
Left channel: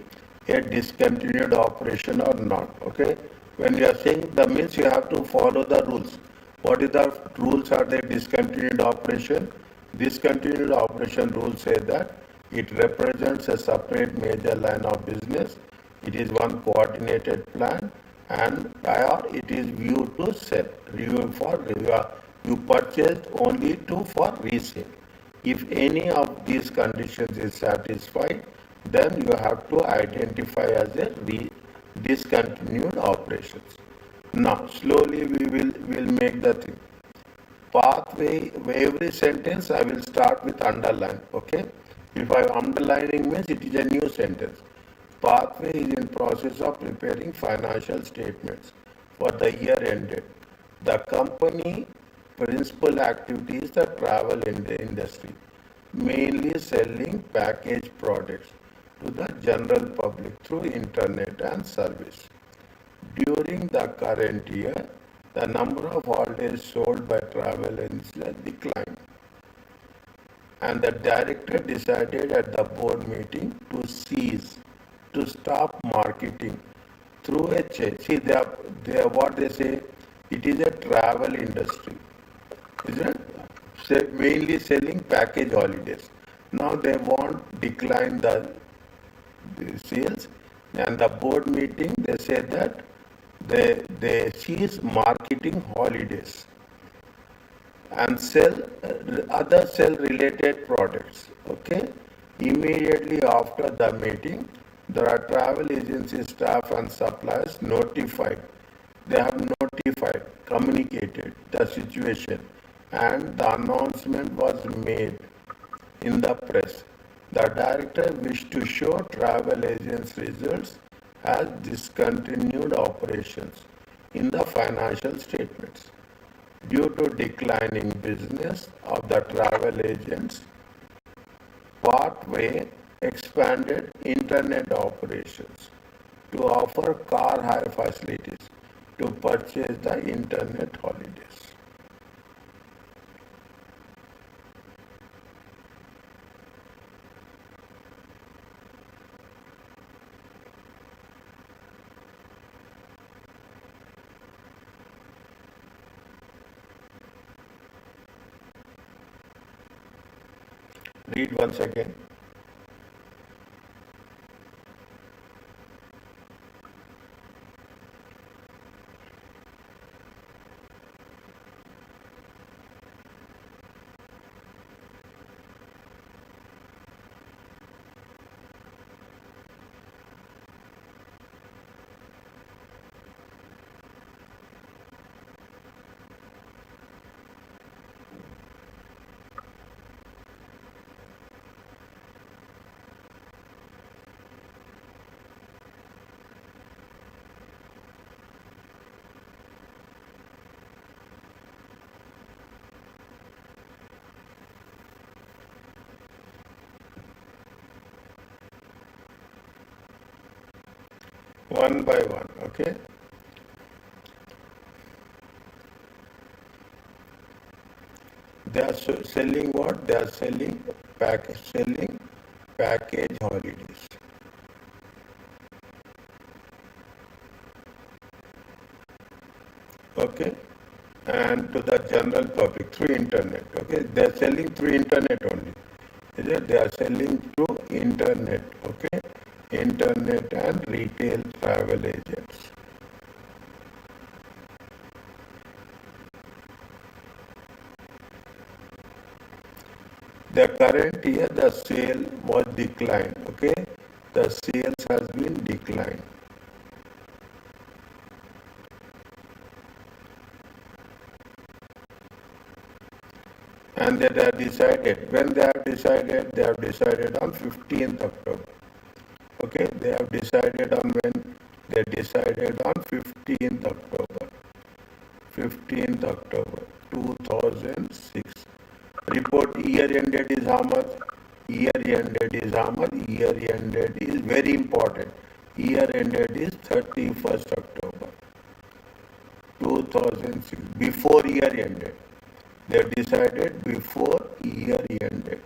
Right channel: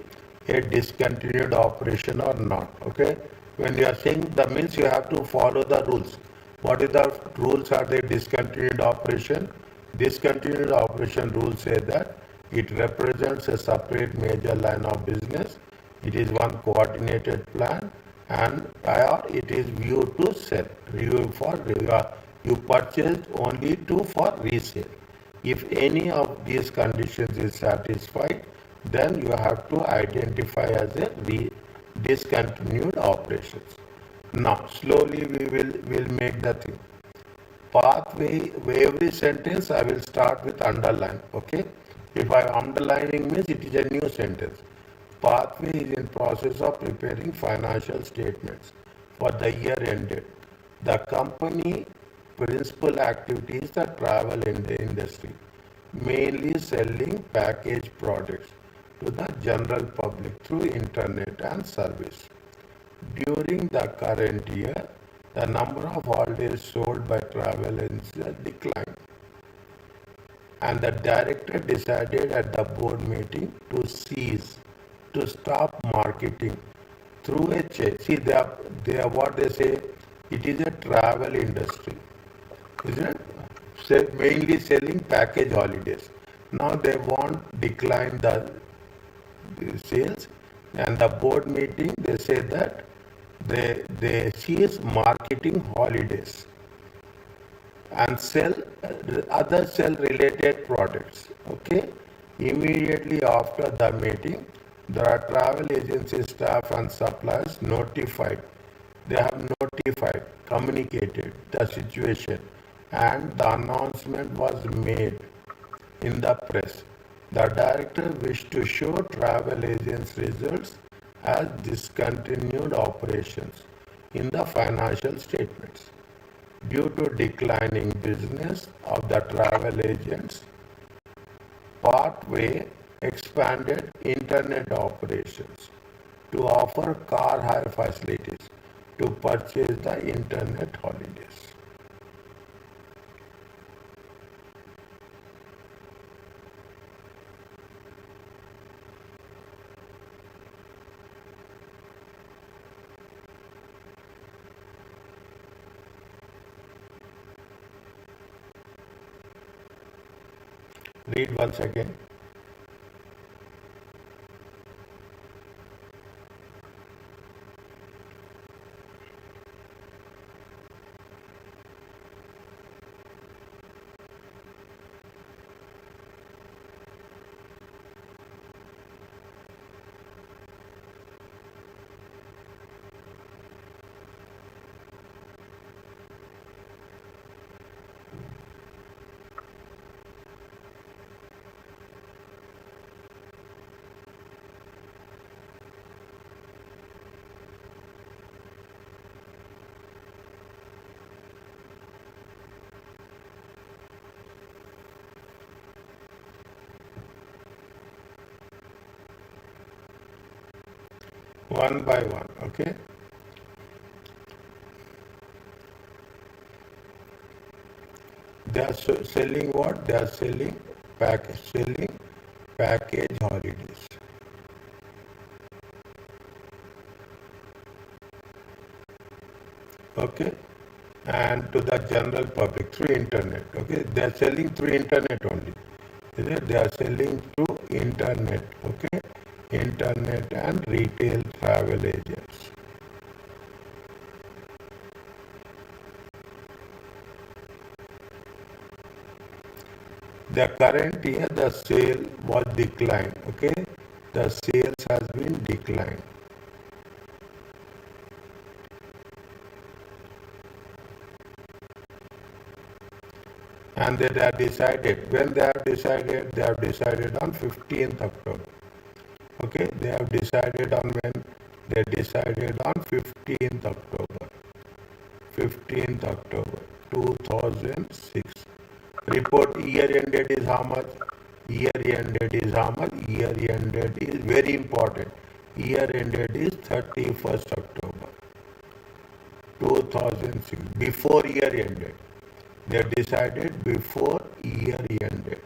a discontinued operation or not. Okay, when you are saying the means, you have to follow the rules. What is the rules are the discontinued operation? Discontinued operation rules say that it represents a separate major line of business. It is one coordinated plan, and or it is viewed to sell. You purchased only for resale. If any of these conditions is satisfied, then you have to identify as a discontinued operations. Now, slowly we will make the thing. Pathway, every sentence I will start with underline. Okay? If I am underlining means it is a new sentence. Pathway is in process of preparing financial statements for the year ended. The company principal activity is the travel in the industry, mainly selling packaged products to the general public through internet and service. During the current year, the number of holidays sold by travel agencies declined, and the director decided at the board meeting to stop marketing through a change. See, they are what they say, it is a travel industry, isn't it? Mainly selling package holidays. Now they want decline the sales, and the board meeting they say that they cease marketing holidays and sell other sell related products. Okay, immediately after the meeting, there are travel agency staff and suppliers notified. They have notified, communicated the situation, and the announcement was made in the press. The director wished to show travel agents' results as discontinued operations in the financial statements. due to declining business of the travel agents, Parkway expanded internet operations to offer car hire facilities to purchase the internet holidays. Read once again. One by one, okay? They are selling what? They are selling package holidays. Okay? And to the general public through internet. Okay? They are selling through internet only. Is it? They are selling through internet. Okay? Internet and retail travel agents. The current year the sale was declined. Okay? The sales has been declined. And they have decided, when they have decided on 15th October. Okay, they have decided on when? They decided on 15th October. 15th October 2006. Report year ended is how much? Year ended is how much? Year ended is very important. Year ended is 31st October 2006. Before year ended. They decided before year ended.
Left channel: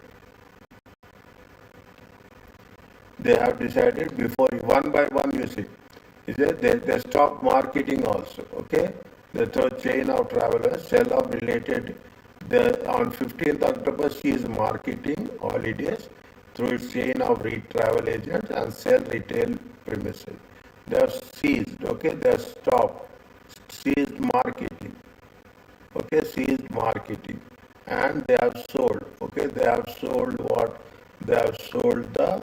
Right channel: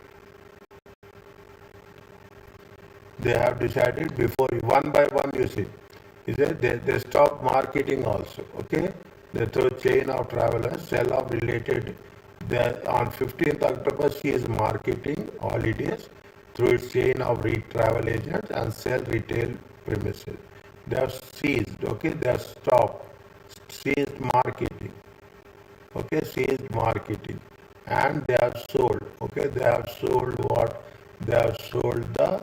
They have decided before, one by one you see. Is it? They stop marketing also. Okay? They throw chain of travelers, sell off related. On 15th October, she is marketing holidays through its chain of travel agents and sell retail premises. They have seized. Okay? They have stopped. Seized marketing. Okay? Seized marketing. And they have sold. Okay? They have sold what? They have sold the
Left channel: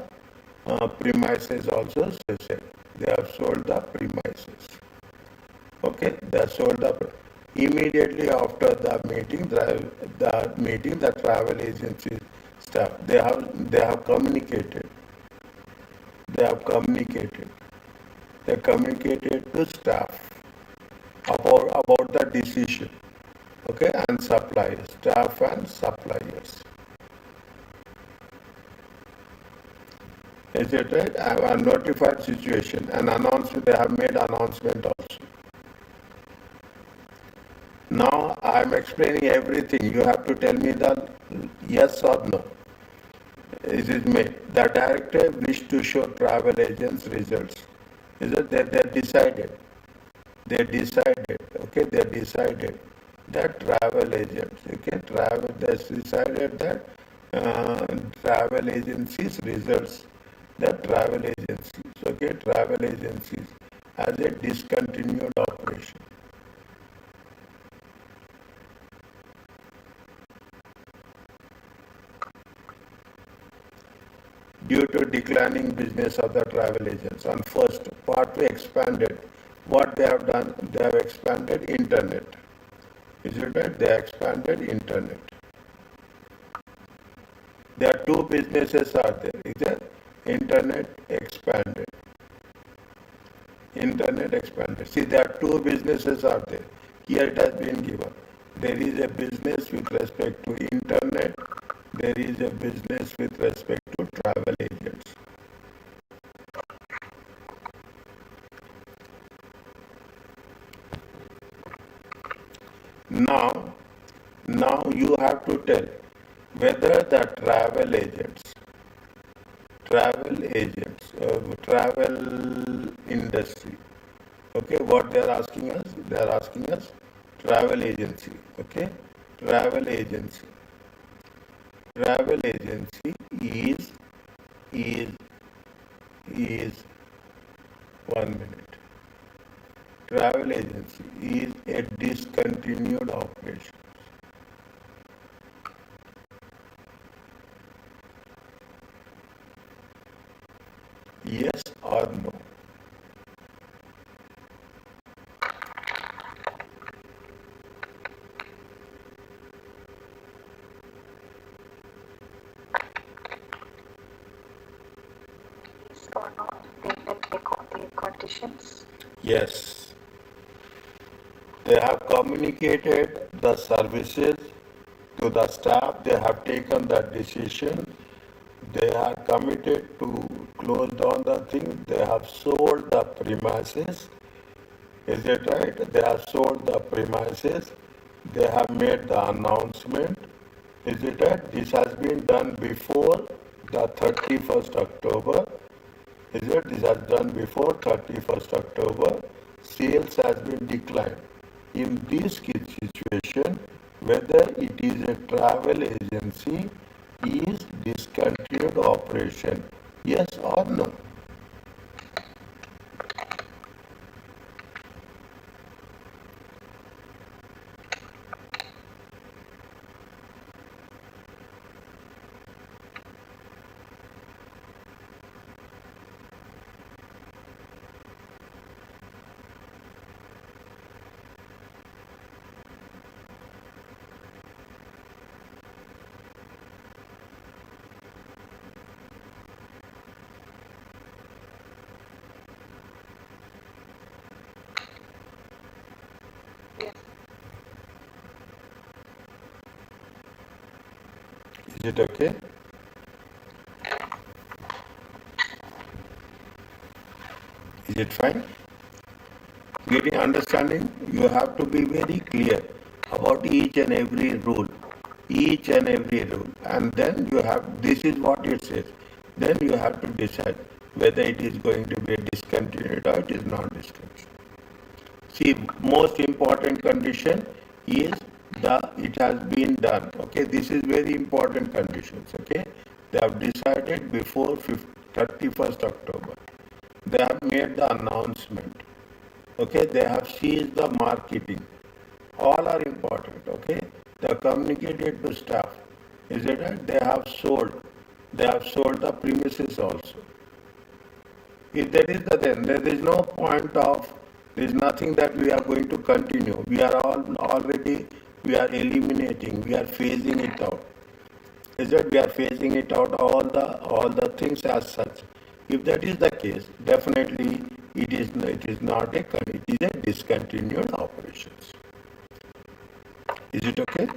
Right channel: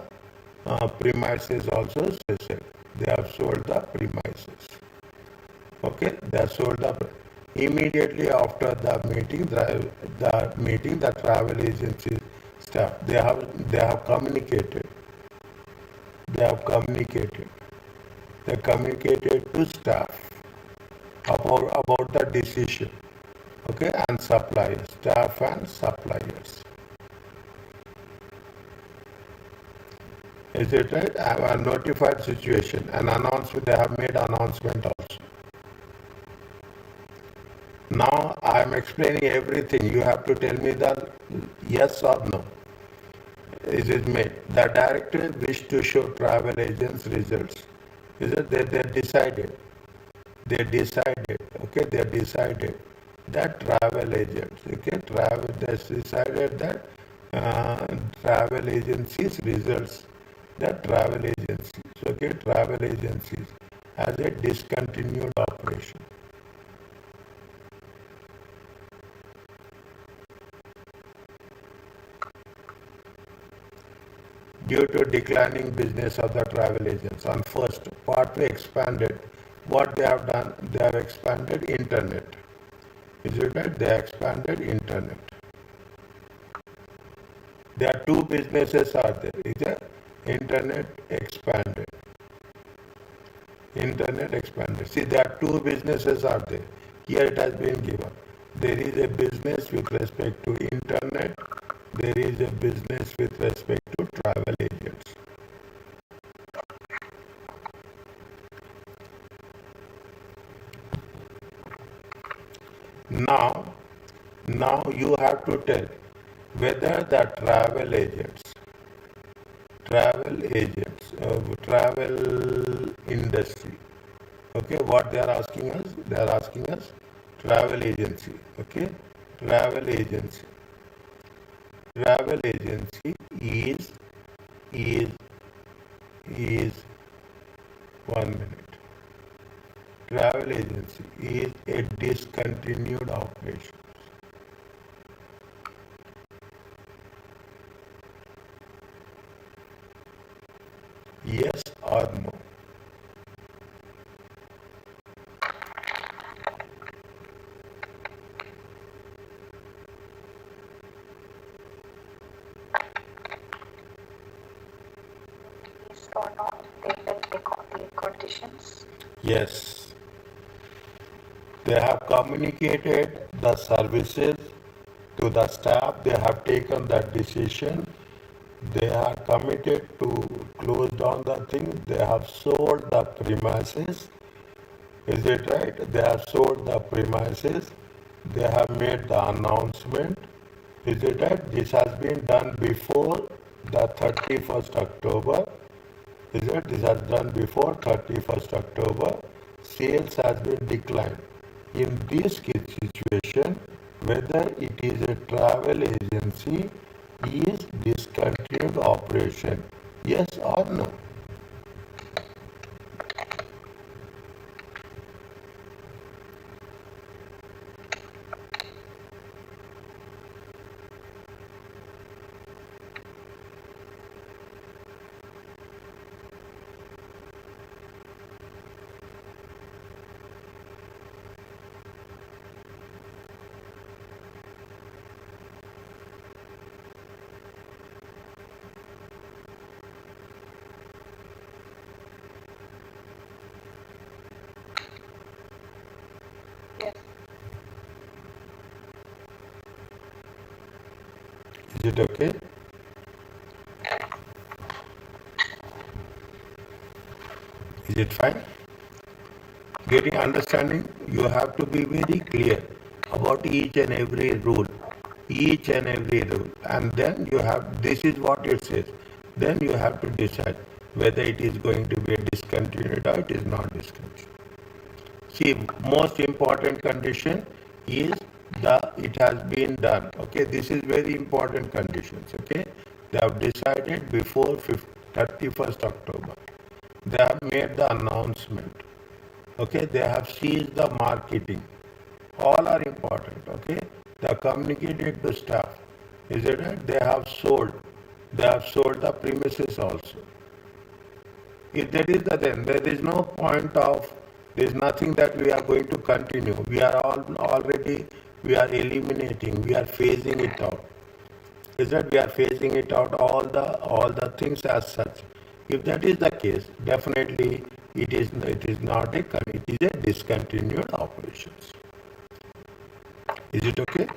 premises also, she said. They have sold the premises. Okay, they have sold the immediately after the meeting. The travel agency staff they have communicated. They have communicated. They communicated to staff about the decision. Okay, and suppliers, staff and suppliers. Is it right? I have a notified situation, an announcement, they have made announcement also. Now I am explaining everything. You have to tell me the yes or no. Is it me? The director wished to show travel agents results. Is it they decided? They decided, okay, they decided that travel agents, okay, they decided that travel agencies results, that travel agencies, okay, travel agencies as a discontinued operation. Due to declining business of the travel agents, on first Pathway expanded. What they have done? They have expanded internet. Is it that they expanded internet? There are two businesses are there. Is there? Internet expanded. Internet expanded. See, there are two businesses are there. Here it has been given. There is a business with respect to internet. There is a business with respect to travel agents. Now, now you have to tell whether the travel industry, okay, what they are asking us, they are asking us travel agency, okay, travel agency, travel agency is is 1 minute. Travel agency is a discontinued operation. Yes or no? Yes or no? The conditions. Yes. They have communicated the services to the staff. They have taken that decision. They are committed to close down the thing. They have sold the premises. Is it right? They have sold the premises. They have made the announcement. Is it right? This has been done before the 31st October. Is it? This has done before 31st October. Sales has been declined. In this situation, whether it is a travel agency is discontinued operation. Yes or no? Yes. Is it okay? Is it fine? Getting understanding, you have to be very clear about each and every rule, and then you have, this is what it says, then you have to decide whether it is going to be a discontinued or it is not discontinued. See, most important condition is the it has been done. Okay, this is very important conditions. Okay, they have decided before 31st October. They have made the announcement. Okay, they have seized the marketing. All are important. Okay, they have communicated to staff. Is it right? They have sold. They have sold the premises also. If that is the then there is no point of, there is nothing that we are going to continue. We are already, we are eliminating, we are phasing it out. Is that we are phasing it out all the things as such. If that is the case, definitely it is not a it is a discontinued operations. Is it okay?